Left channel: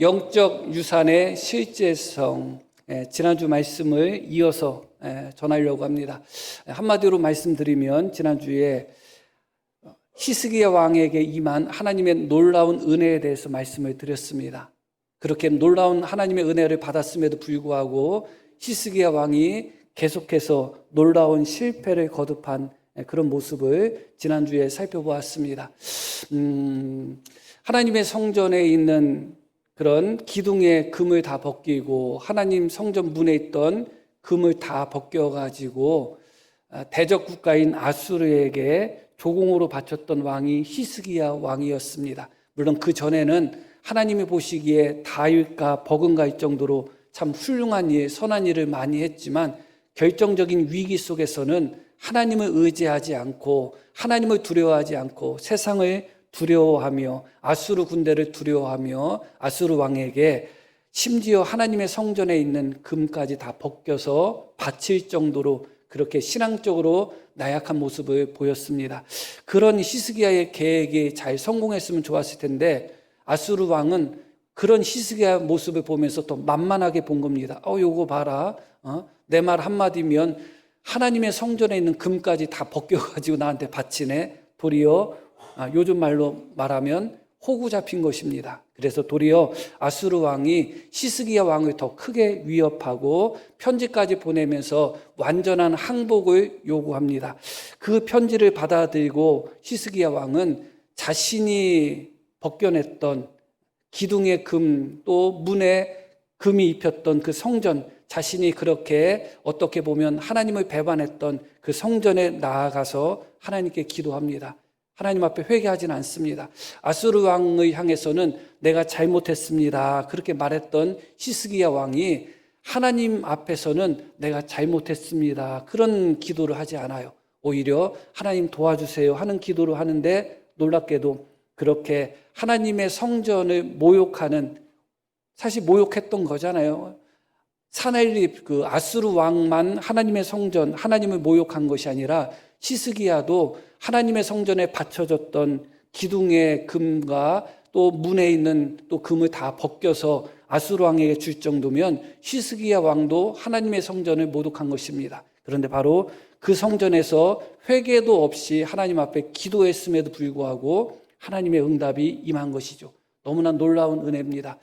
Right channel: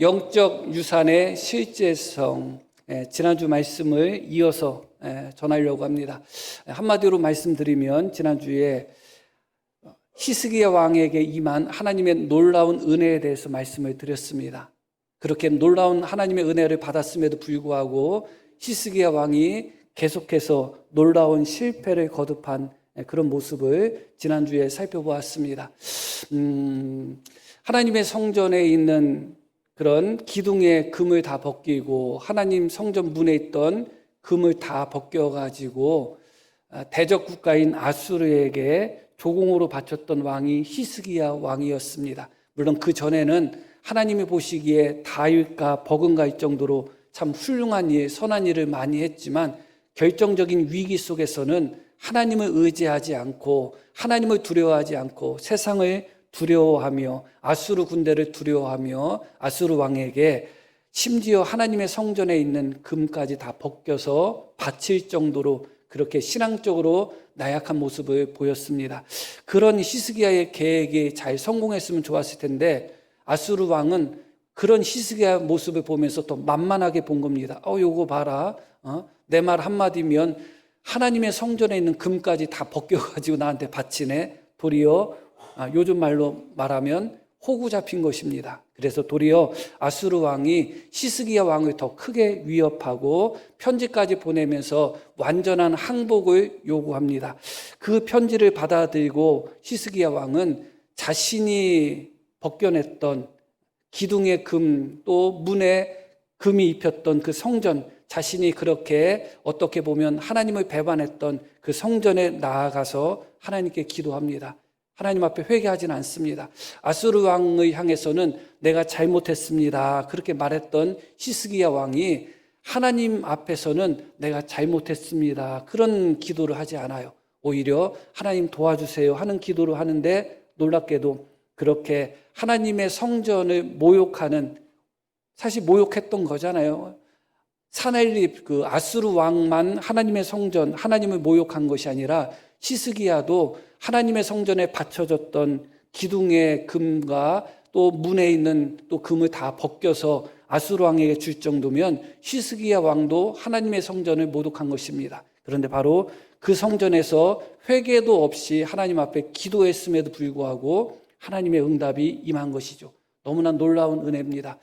영적 유산의 실제성, 지난주 말씀을 이어서 전하려고 합니다. 한마디로 말씀드리면 지난주에 히스기야 왕에게 임한 하나님의 놀라운 은혜에 대해서 말씀을 드렸습니다. 그렇게 놀라운 하나님의 은혜를 받았음에도 불구하고 히스기야 왕이 계속해서 놀라운 실패를 거듭한 그런 모습을 지난주에 살펴보았습니다. 하나님의 성전에 있는 그런 기둥의 금을 다 벗기고 하나님 성전 문에 있던 금을 다 벗겨가지고 대적 국가인 아수르에게 조공으로 바쳤던 왕이 히스기야 왕이었습니다. 물론 그 전에는 하나님이 보시기에 다일까 버금가일 정도로 참 훌륭한 일, 선한 일을 많이 했지만 결정적인 위기 속에서는 하나님을 의지하지 않고 하나님을 두려워하지 않고 세상을 두려워하며 아수르 군대를 두려워하며 아수르 왕에게 심지어 하나님의 성전에 있는 금까지 다 벗겨서 바칠 정도로 그렇게 신앙적으로 나약한 모습을 보였습니다. 그런 히스기야의 계획이 잘 성공했으면 좋았을 텐데 아수르 왕은 그런 히스기야 모습을 보면서 또 만만하게 본 겁니다. 요거 봐라. 내 말 한마디면 하나님의 성전에 있는 금까지 다 벗겨가지고 나한테 바치네. 도리어 요즘 말로 말하면 호구 잡힌 것입니다. 그래서 도리어 아수르 왕이 히스기야 왕을 더 크게 위협하고 편지까지 보내면서 완전한 항복을 요구합니다. 그 편지를 받아들이고 히스기야 왕은 자신이 벗겨냈던 기둥의 금, 또 문에 금이 입혔던 그 성전, 자신이 그렇게 어떻게 보면 하나님을 배반했던 그 성전에 나아가서 하나님께 기도합니다. 하나님 앞에 회개하지는 않습니다. 아수르 왕을 향해서는 내가 잘못했습니다. 그렇게 말했던 히스기야 왕이 하나님 앞에서는 내가 잘못했습니다. 그런 기도를 하지 않아요. 오히려 하나님 도와주세요 하는 기도를 하는데 놀랍게도 그렇게 하나님의 성전을 모욕하는, 사실 모욕했던 거잖아요. 사내립 그 아수르 왕만 하나님의 성전, 하나님을 모욕한 것이 아니라 히스기야도 하나님의 성전에 바쳐졌던 기둥의 금과 또 문에 있는 또 금을 다 벗겨서 아수르 왕에게 줄 정도면 히스기야 왕도 하나님의 성전을 모독한 것입니다. 그런데 바로 그 성전에서 회개도 없이 하나님 앞에 기도했음에도 불구하고 하나님의 응답이 임한 것이죠. 너무나 놀라운 은혜입니다.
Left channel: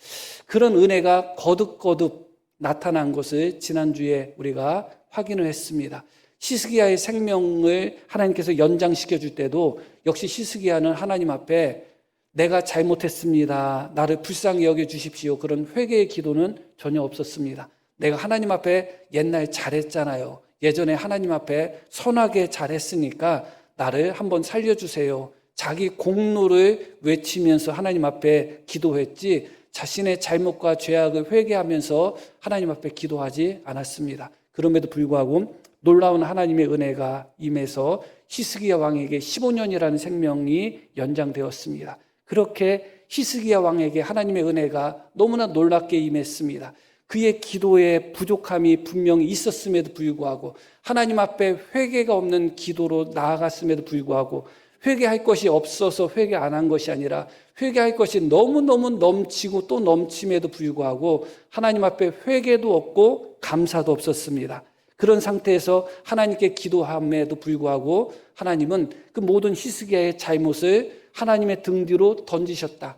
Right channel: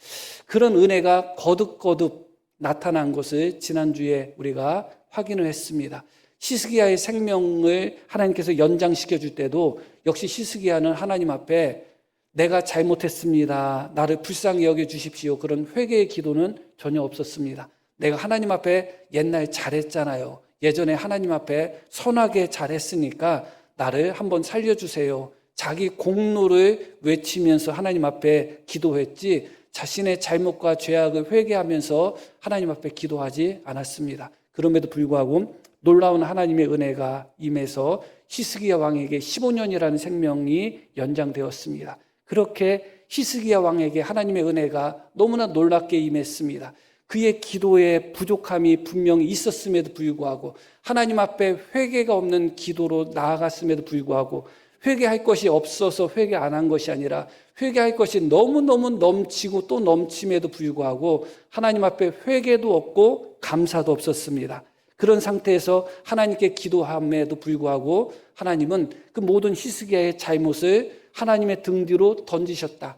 그런 은혜가 거듭거듭 나타난 것을 지난주에 우리가 확인을 했습니다. 히스기야의 생명을 하나님께서 연장시켜 줄 때도 역시 히스기야는 하나님 앞에 내가 잘못했습니다. 나를 불쌍히 여겨 주십시오. 그런 회개의 기도는 전혀 없었습니다. 내가 하나님 앞에 옛날에 잘했잖아요. 예전에 하나님 앞에 선하게 잘했으니까 나를 한번 살려주세요. 자기 공로를 외치면서 하나님 앞에 기도했지 자신의 잘못과 죄악을 회개하면서 하나님 앞에 기도하지 않았습니다. 그럼에도 불구하고 놀라운 하나님의 은혜가 임해서 히스기야 왕에게 15년이라는 생명이 연장되었습니다. 그렇게 히스기야 왕에게 하나님의 은혜가 너무나 놀랍게 임했습니다. 그의 기도에 부족함이 분명히 있었음에도 불구하고 하나님 앞에 회개가 없는 기도로 나아갔음에도 불구하고 회개할 것이 없어서 회개 안 한 것이 아니라 회개할 것이 너무너무 넘치고 또 넘침에도 불구하고 하나님 앞에 회개도 없고 감사도 없었습니다. 그런 상태에서 하나님께 기도함에도 불구하고 하나님은 그 모든 히스기야의 잘못을 하나님의 등 뒤로 던지셨다.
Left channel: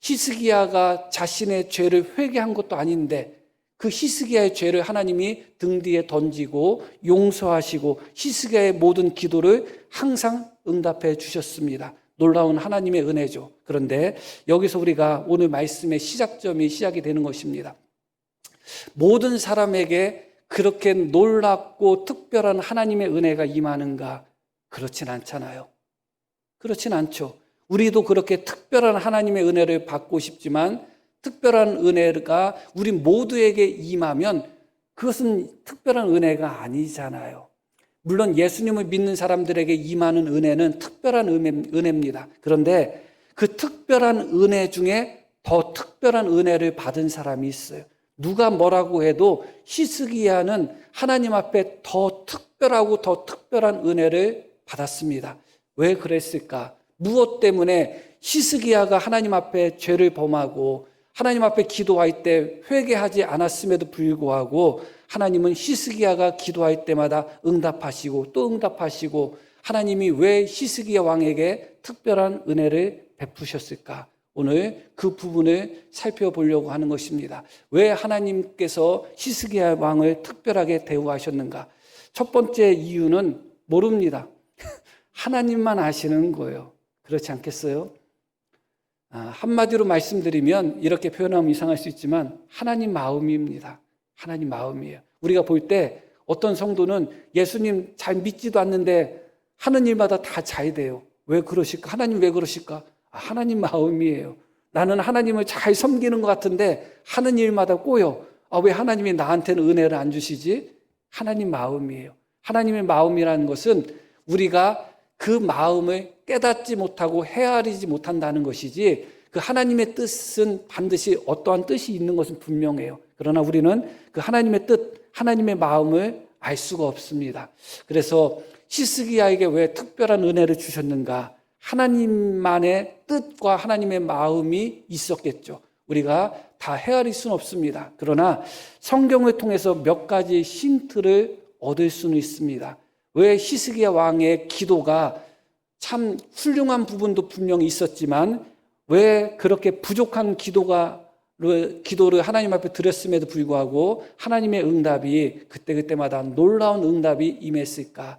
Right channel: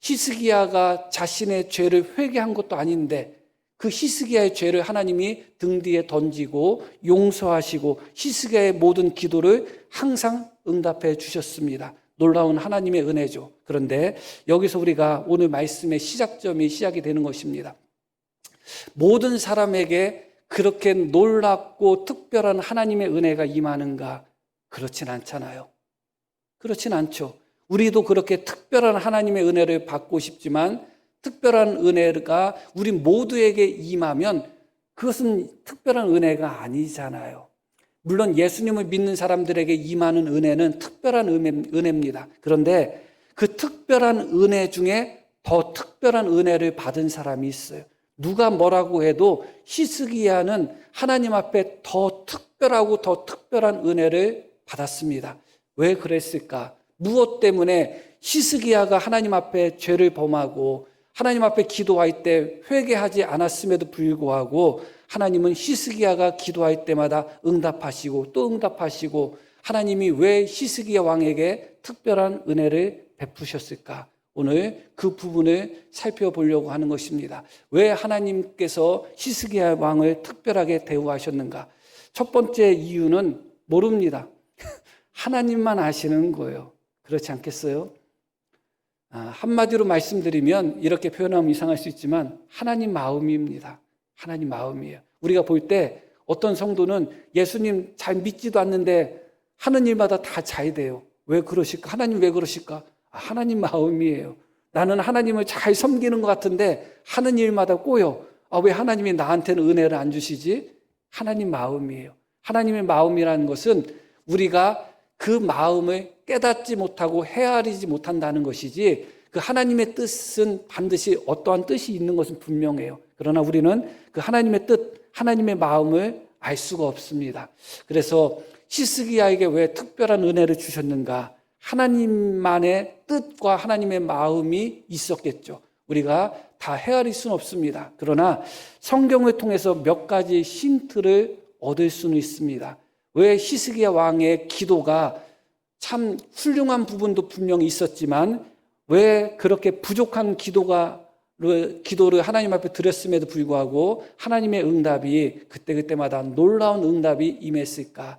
히스기야가 자신의 죄를 회개한 것도 아닌데 그 히스기야의 죄를 하나님이 등 뒤에 던지고 용서하시고 히스기야의 모든 기도를 항상 응답해 주셨습니다. 놀라운 하나님의 은혜죠. 그런데 여기서 우리가 오늘 말씀의 시작이 되는 것입니다. 모든 사람에게 그렇게 놀랍고 특별한 하나님의 은혜가 임하는가? 그렇진 않잖아요. 그렇진 않죠. 우리도 그렇게 특별한 하나님의 은혜를 받고 싶지만 특별한 은혜가 우리 모두에게 임하면 그것은 특별한 은혜가 아니잖아요. 물론 예수님을 믿는 사람들에게 임하는 은혜는 특별한 은혜입니다. 그런데 그 특별한 은혜 중에 더 특별한 은혜를 받은 사람이 있어요. 누가 뭐라고 해도 히스기야는 하나님 앞에 더 특별하고 더 특별한 은혜를 받았습니다. 왜 그랬을까? 무엇 때문에 히스기야가 하나님 앞에 죄를 범하고 하나님 앞에 기도할 때 회개하지 않았음에도 불구하고 하나님은 히스기야가 기도할 때마다 응답하시고 또 응답하시고, 하나님이 왜 히스기야 왕에게 특별한 은혜를 베푸셨을까? 오늘 그 부분을 살펴보려고 하는 것입니다. 왜 하나님께서 히스기야 왕을 특별하게 대우하셨는가? 첫 번째 이유는 모릅니다. 하나님만 아시는 거예요. 그렇지 않겠어요? 한마디로 말씀드리면 이렇게 표현하면 이상할 수 있지만 하나님 마음입니다. 하나님 마음이에요. 우리가 볼 때 어떤 성도는 예수님 잘 믿지도 않는데 하는 일마다 다 잘 돼요. 왜 그러실까? 하나님 왜 그러실까? 하나님 마음이에요. 나는 하나님을 잘 섬기는 것 같은데 하는 일마다 꼬여. 왜 하나님이 나한테는 은혜를 안 주시지? 하나님 마음이에요. 하나님의 마음이라는 것은 우리가 그 마음을 깨닫지 못하고 헤아리지 못한다는 것이지, 그 하나님의 뜻은 반드시 어떠한 뜻이 있는 것은 분명해요. 그러나 우리는 그 하나님의 뜻, 하나님의 마음을 알 수가 없습니다. 그래서 히스기야에게 왜 특별한 은혜를 주셨는가? 하나님만의 뜻과 하나님의 마음이 있었겠죠. 우리가 다 헤아릴 수는 없습니다. 그러나 성경을 통해서 몇 가지 힌트를 얻을 수는 있습니다. 왜 히스기야 왕의 기도가 참 훌륭한 부분도 분명히 있었지만 왜 그렇게 부족한 기도를 하나님 앞에 드렸음에도 불구하고 하나님의 응답이 그때그때마다 놀라운 응답이 임했을까?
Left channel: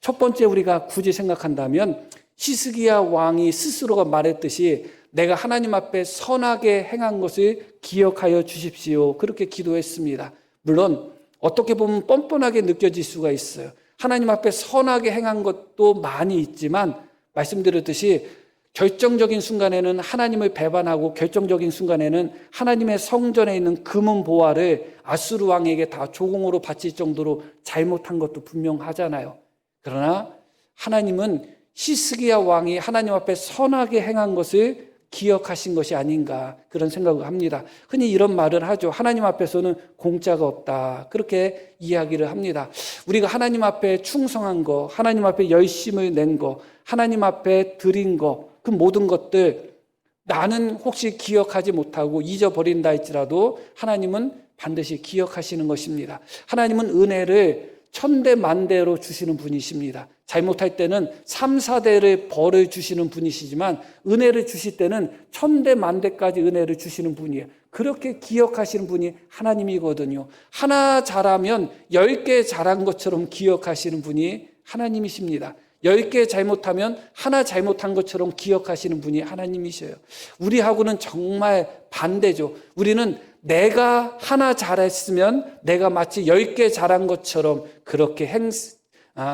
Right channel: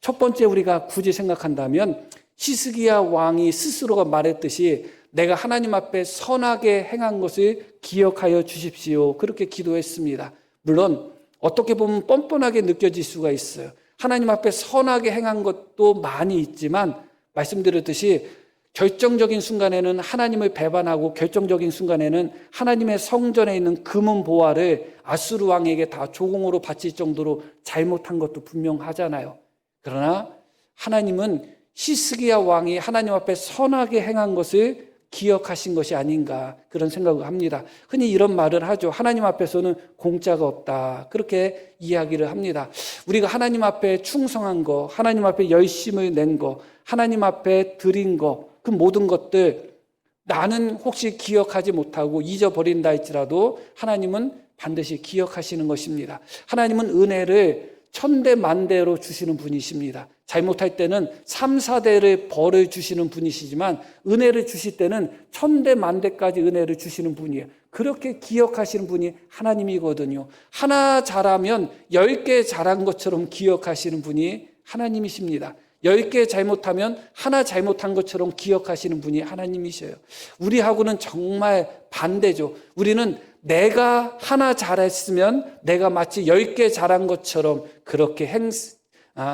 첫 번째, 우리가 굳이 생각한다면 히스기야 왕이 스스로가 말했듯이 내가 하나님 앞에 선하게 행한 것을 기억하여 주십시오, 그렇게 기도했습니다. 물론 어떻게 보면 뻔뻔하게 느껴질 수가 있어요. 하나님 앞에 선하게 행한 것도 많이 있지만 말씀드렸듯이 결정적인 순간에는 하나님을 배반하고 결정적인 순간에는 하나님의 성전에 있는 금은 보화를 아수르 왕에게 다 조공으로 바칠 정도로 잘못한 것도 분명하잖아요. 그러나 하나님은 히스기야 왕이 하나님 앞에 선하게 행한 것을 기억하신 것이 아닌가, 그런 생각을 합니다. 흔히 이런 말을 하죠. 하나님 앞에서는 공짜가 없다, 그렇게 이야기를 합니다. 우리가 하나님 앞에 충성한 거, 하나님 앞에 열심을 낸 거, 하나님 앞에 드린 거, 그 모든 것들 나는 혹시 기억하지 못하고 잊어버린다 할지라도 하나님은 반드시 기억하시는 것입니다. 하나님은 은혜를 천대만대로 주시는 분이십니다. 잘못할 때는 3, 4대를 벌을 주시는 분이시지만 은혜를 주실 때는 천대만대까지 은혜를 주시는 분이에요. 그렇게 기억하시는 분이 하나님이거든요. 하나 잘하면 10개 잘한 것처럼 기억하시는 분이 하나님이십니다. 10개 잘못하면 하나 잘못한 것처럼 기억하시는 분이 하나님이셔요. 우리하고는 정말 반대죠. 우리는 내가 하나 잘했으면 내가 마치 10개 잘한 것처럼 그렇게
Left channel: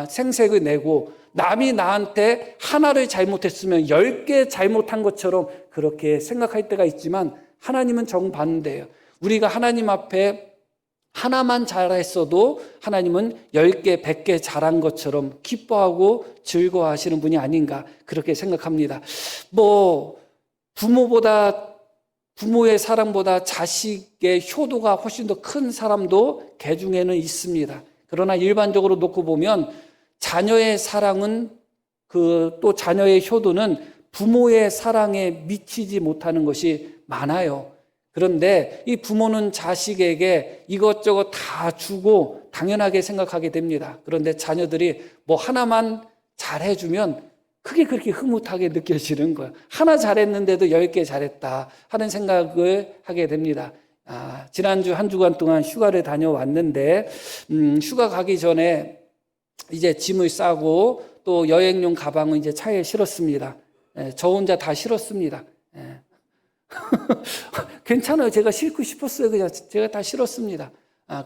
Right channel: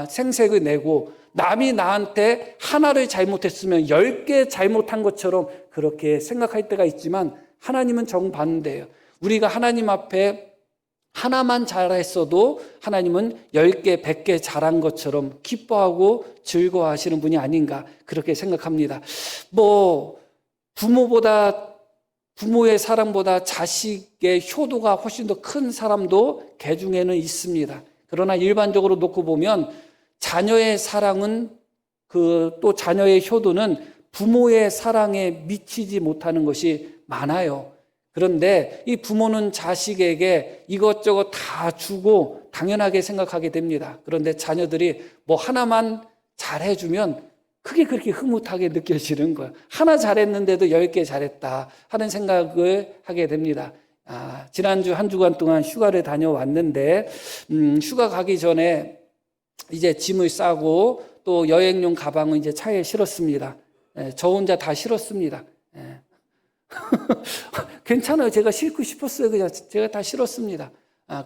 생색을 내고, 남이 나한테 하나를 잘못했으면 10개 잘못한 것처럼 그렇게 생각할 때가 있지만 하나님은 정반대예요. 우리가 하나님 앞에 하나만 잘했어도 하나님은 10개, 100개 잘한 것처럼 기뻐하고 즐거워하시는 분이 아닌가, 그렇게 생각합니다. 부모의 사랑보다 자식의 효도가 훨씬 더 큰 사람도 개중에는 있습니다. 그러나 일반적으로 놓고 보면 자녀의 사랑은 또 자녀의 효도는 부모의 사랑에 미치지 못하는 것이 많아요. 그런데 이 부모는 자식에게 이것저것 다 주고 당연하게 생각하게 됩니다. 그런데 자녀들이 하나만 잘해주면 그게 그렇게 흐뭇하게 느껴지는 거예요. 하나 잘했는데도 10개 잘했다 하는 생각을 하게 됩니다. 지난주 한 주간 동안 휴가를 다녀왔는데 휴가 가기 전에 이제 짐을 싸고 또 여행용 가방을 이제 차에 실었습니다. 저 혼자 다 실었습니다. 괜찮아요. 제가 싣고 싶었어요. 그냥 제가 다 실었습니다.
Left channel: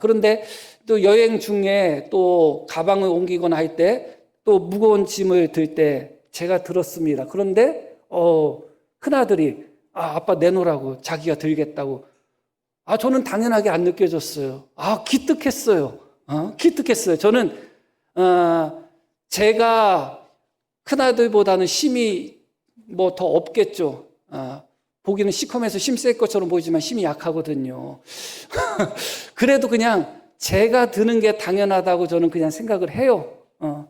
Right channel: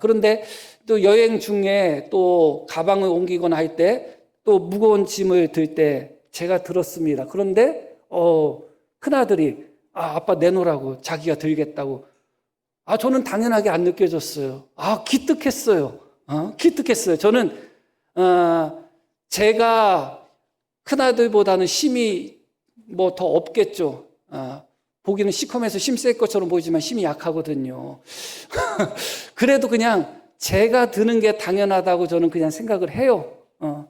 그런데 또 여행 중에 또 가방을 옮기거나 할 때 또 무거운 짐을 들 때 제가 들었습니다. 그런데 큰아들이 아빠 내놓으라고, 자기가 들겠다고. 저는 당연하게 안 느껴졌어요. 기특했어요. 기특했어요. 저는 제가 큰아들보다는 힘이 더 없겠죠. 보기는 시커매서 힘 셀 것처럼 보이지만 힘이 약하거든요. 그래도 그냥 제가 드는 게 당연하다고 저는 그냥 생각을 해요.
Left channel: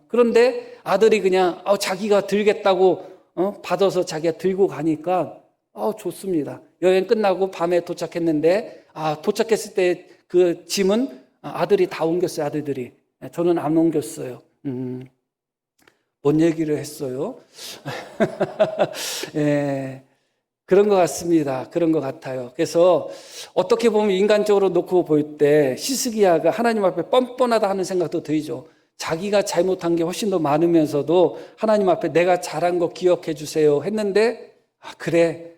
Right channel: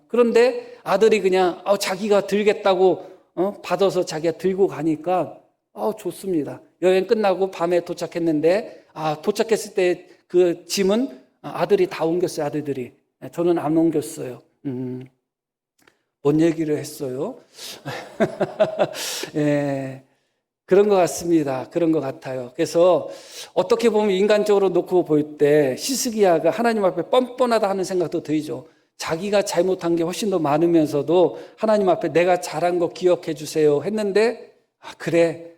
그런데 아들이 그냥 자기가 들겠다고 받아서 자기가 들고 가니까 좋습니다. 여행 끝나고 밤에 도착했는데, 도착했을 때 그 짐은 아들이 다 옮겼어요, 아들들이. 저는 안 옮겼어요. 뭔 얘기를 했어요? 예, 그런 것 같습니다. 그런 것 같아요. 그래서 어떻게 보면 인간적으로 놓고 볼 때 히스기야가 하나님 앞에 뻔뻔하다 하는 생각도 들죠. 자기가 잘못한 게 훨씬 더 많으면서도 하나님 앞에 내가 잘한 거 기억해 주세요 했는데, 그래,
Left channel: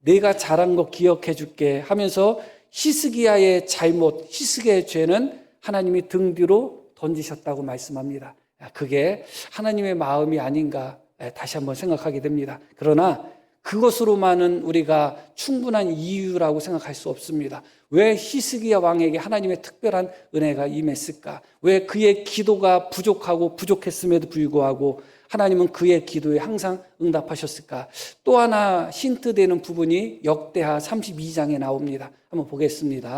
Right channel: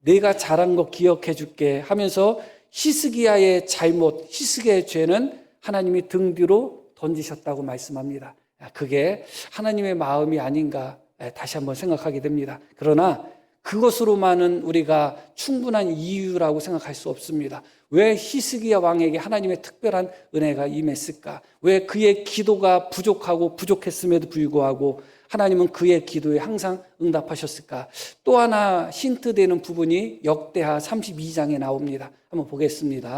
내가 잘한 거 기억해 줄게 하면서 히스기야의 잘못, 히스기야의 죄는 하나님이 등 뒤로 던지셨다고 말씀합니다. 그게 하나님의 마음이 아닌가 다시 한번 생각하게 됩니다. 그러나 그것으로만은 우리가 충분한 이유라고 생각할 수 없습니다. 왜 히스기야 왕에게 하나님의 특별한 은혜가 임했을까? 왜 그의 기도가 부족하고 부족했음에도 불구하고 하나님은 그의 기도에 항상 응답하셨을까? 또 하나 힌트되는 부분이 역대하 32장에 나옵니다. 한번 보겠습니다.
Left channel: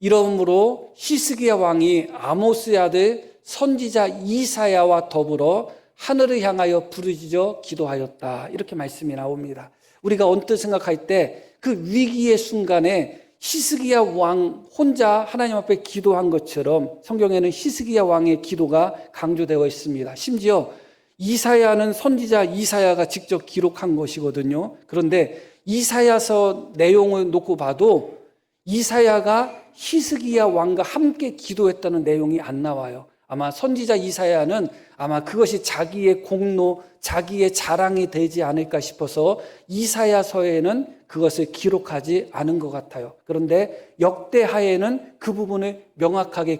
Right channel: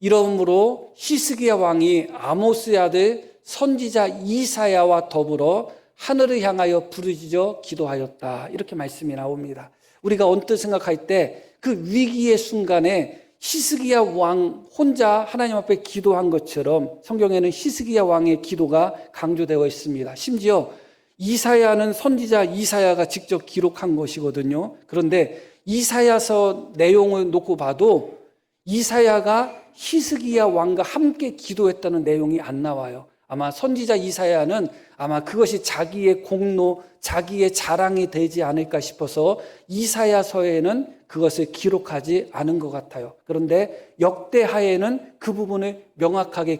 이러므로 히스기야 왕이 아모스의 아들 선지자 이사야와 더불어 하늘을 향하여 부르짖어 기도하였다. 이렇게 말씀이 나옵니다. 우리가 언뜻 생각할 때 그 위기의 순간에 히스기야 왕 혼자 하나님 앞에 기도한 것처럼 성경에는 히스기야 왕의 기도가 강조되어 있습니다. 심지어 이사야는 선지자 이사야가 직접 기록한 것이거든요. 그런데 이사야서 내용을 놓고 봐도 이사야가 히스기야 왕과 함께 기도했다는 내용이 안 나와요. 아마 선지자 이사야는 아마 그것이 자기의 공로, 자기의 자랑이 되지 않을까 싶어서 이사야서에는 그것을 기록하지 않은 것 같아요. 그런데 역대하에는 그 부분을 명확하게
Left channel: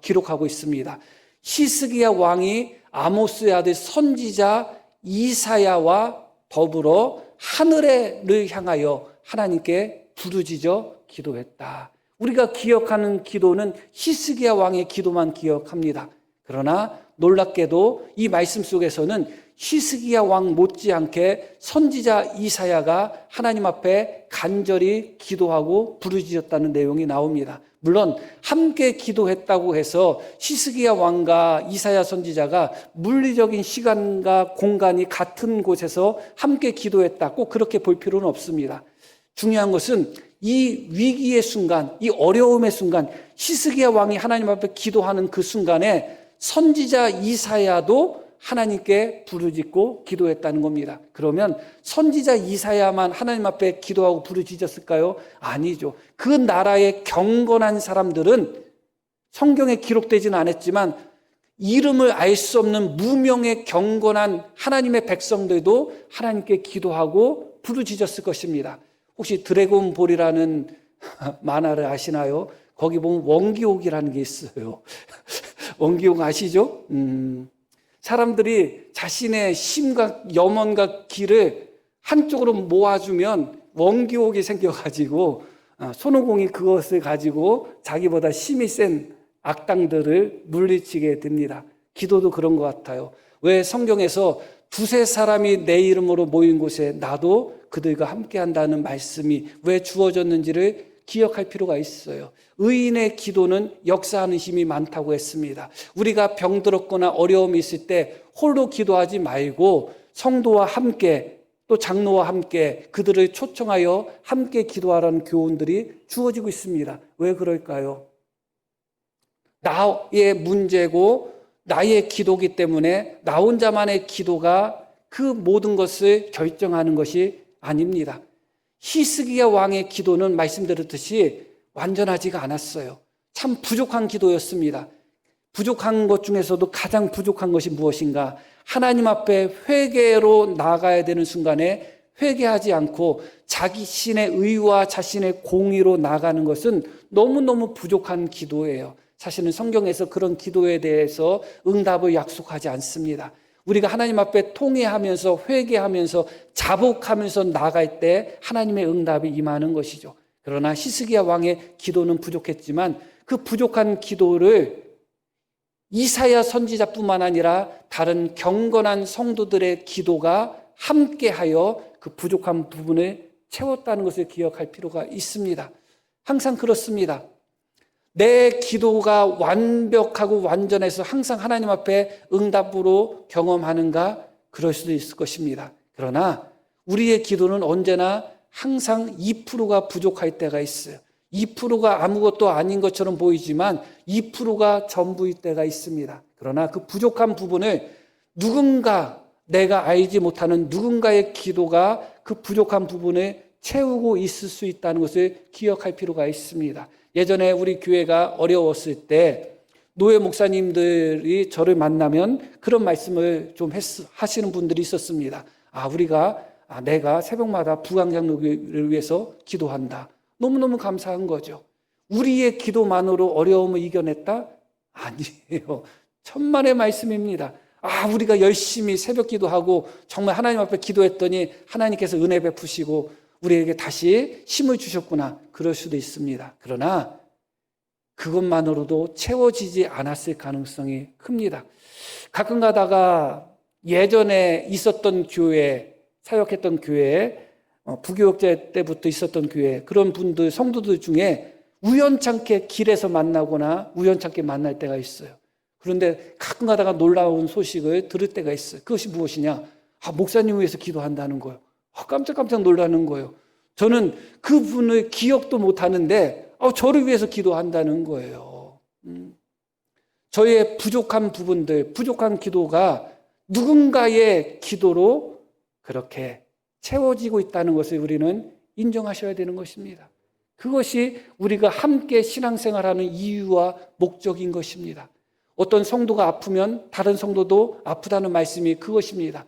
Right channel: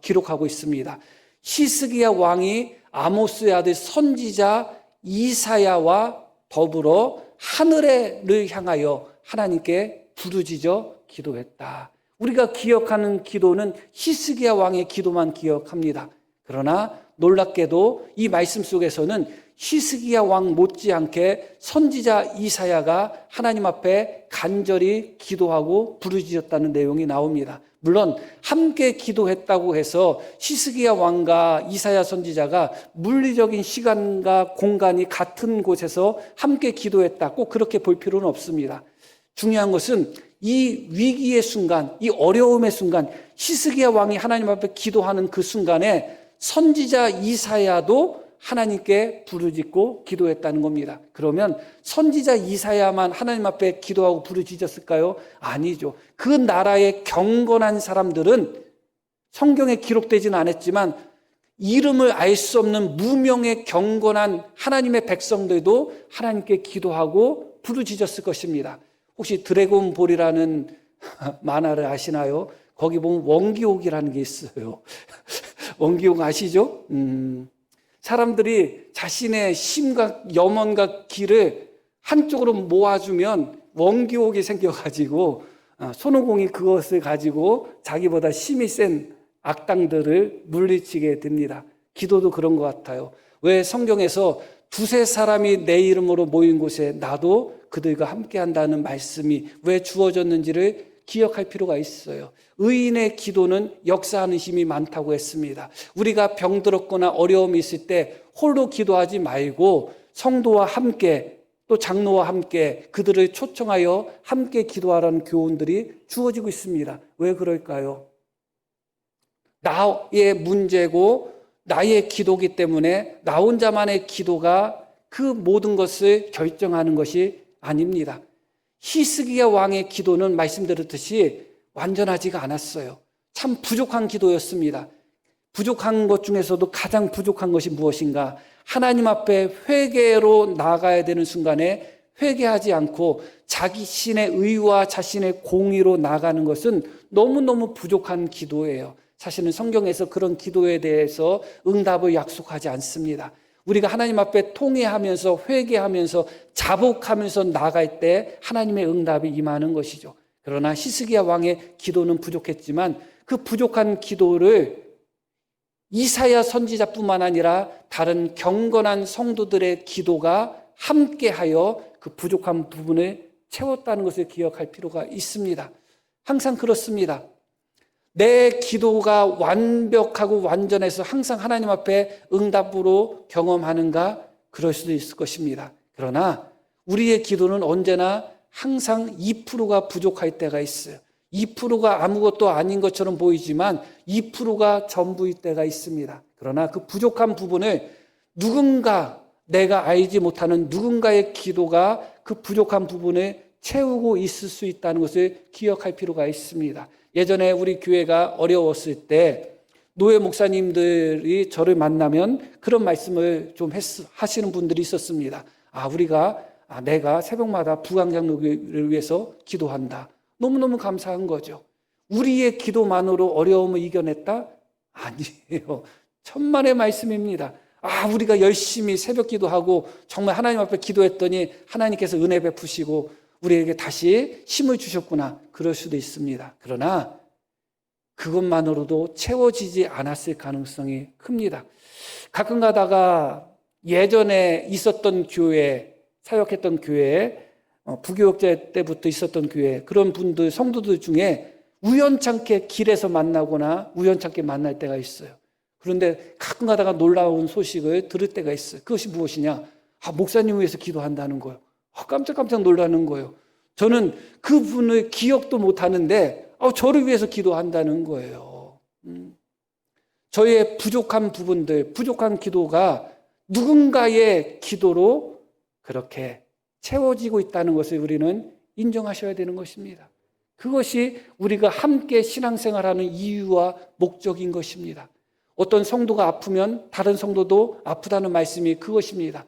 기록하고 있습니다. 히스기야 왕이 아모스의 아들 선지자 이사야와 더불어 하늘을 향하여 하나님께 부르짖어 기도했다. 우리가 기억하는 기도는 히스기야 왕의 기도만 기억합니다. 그러나 놀랍게도 이 말씀 속에서는 히스기야 왕 못지않게 선지자 이사야가 하나님 앞에 간절히 기도하고 부르짖었다는 내용이 나옵니다. 물론 함께 기도했다고 해서 히스기야 왕과 이사야 선지자가 물리적인 시간과 공간이 같은 곳에서 함께 기도했다, 꼭 그렇게 볼 필요는 없습니다. 중요한 것은 이 위기의 순간, 이 어려움의 순간, 히스기야 왕이 하나님 앞에 기도하는 그 순간에 선지자 이사야도 하나님께 부르짖고 기도했다는 겁니다. 그러면 선지자 이사야만 하나님 앞에 기도하고 부르짖었을까요? 아니죠. 그 나라의 경건한 사람들은 성경에 기록되지는 않았지만 이름을 알 수 없는 무명의 경건한 하나님의 백성들도 하나님께 기도하고 부르짖었을 것입니다. 혹시 드래곤볼이라는 만화를 아시나요? 거기 보면 원기옥이라는 게 있어요. 원기옥 아시죠? 사람들이 자신의 힘과 염원과 기를 한쪽으로 모아주면 원기옥이 생겨가지고 손오공이 그것을 가지고 자기보다 힘이 센 악당들을 물리치게 됩니다. 기도도 그런 것 같아요. 왜 성경에서 두세 사람이 내 이름으로 모인 곳에 나도 그들과 함께 한다는 말씀이 왜 주어졌는지를 기억할 필요가 있어요. 의인의 기도는 역사하는 힘이 많다고 했습니다. 우리가 병들었거나 어려움이 있을 때 홀로 기도하지 말고 성도와 함께, 또 장로와 함께 그들을 초청하여 함께 기도하라는 교훈들이 주어지고 있습니다. 왜 그럴까요? 나의 문제고 나의 기도기 때문에 나 혼자만의 기도가 그 모든 것을 결정하는 것이 아닙니다. 히스기야 왕의 기도는 말씀드렸듯이 완전하지가 않았어요. 참 부족한 기도였습니다. 부족한 것 중에서도 가장 부족한 것이 무엇인가? 하나님 앞에 회개로 나아가야 되는 순간에 회개하지 않고 자기 신의 의와 자신의 공의로 나아가는 것은 너무너무 부족한 기도예요. 사실은 성경에서 그런 기도에 대해서 응답을 약속하지 않습니다. 우리가 하나님 앞에 통회하면서 회개하면서 자복하면서 나아갈 때 하나님의 응답이 임하는 것이죠. 그러나 히스기야 왕의 기도는 부족했지만 그 부족한 기도를 이사야 선지자뿐만 아니라 다른 경건한 성도들의 기도가 함께하여 그 부족한 부분을 채웠다는 것을 기억할 필요가 있습니다. 항상 그렇습니다. 내 기도가 완벽하고 완전해서 항상 하나님 앞에 응답으로 경험하는가? 그럴 수도 있을 것입니다. 그러나 우리의 기도는 언제나 항상 2%가 부족할 때가 있어요. 2%가 아무것도 아닌 것처럼 보이지만 2%가 전부일 때가 있습니다. 그러나 그 부족한 부분을 누군가, 내가 알지 못하는 누군가의 기도가 그 부족한 부분을 채우고 있을 수 있다는 것을 기억할 필요가 있습니다. 예전에 우리 교회가 어려웠을 때 노예 목사님들이 저를 만나면 그런 말씀을 좀 하시는 분들이 있었습니다. 내가 새벽마다 부강장로를 위해서 기도한다. 너무너무 감사한 거죠. 우리의 기도만으로 어려움을 이겨냈다? 아니에요. 천만의 말씀입니다. 우리가 열심히 새벽 기도하고 정말 하나님 앞에 기도했더니 하나님께서 은혜 베푸시고 우리에게 다시 힘을 주셨구나. 그럴 수도 있습니다. 그러나 그것만으로도 채워지지 않았을 가능성이 큽니다. 가끔 가다가 예전에 있었던 교회, 사역했던 교회, 부교육제 때부터 있었던 교회, 그런 분들, 성도들 중에 우연찮게 길에서 만나거나 우연찮게 만날 때가 있어요. 그런데 가끔 가다가 놀라운 소식을 들을 때가 있어요. 그것이 무엇이냐? 목사님 위해서 기도한다는 거. 깜짝깜짝 놀라는 거예요. 저는 그분을 기억도 못하는데 저를 위해서 기도한다는 거예요. 저의 부족한 부분들, 부족한 기도가 누군가의 기도로 그렇게 채워지고 있다는 것을 우리는 인정하셔야 되는 것입니다. 그것이 우리가 함께 신앙생활하는 이유와 목적인 것입니다. 어떤 성도가 아프면 다른 성도도 아프다는 말씀이 그것입니다.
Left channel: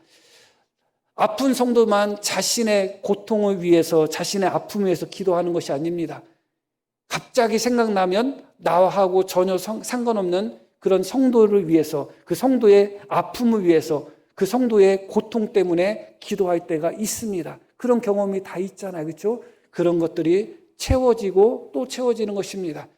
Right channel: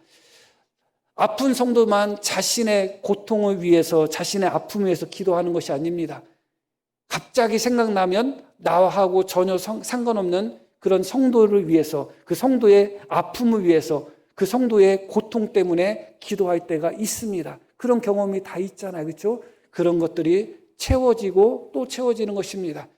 아픈 성도만 자신의 고통을 위해서, 자신의 아픔을 위해서 기도하는 것이 아닙니다. 갑자기 생각나면 나하고 전혀 상관없는 그런 성도를 위해서, 그 성도의 아픔을 위해서, 그 성도의 고통 때문에 기도할 때가 있습니다. 그런 경험이 다 있잖아, 그렇죠? 그런 것들이 채워지고 또 채워지는 것입니다.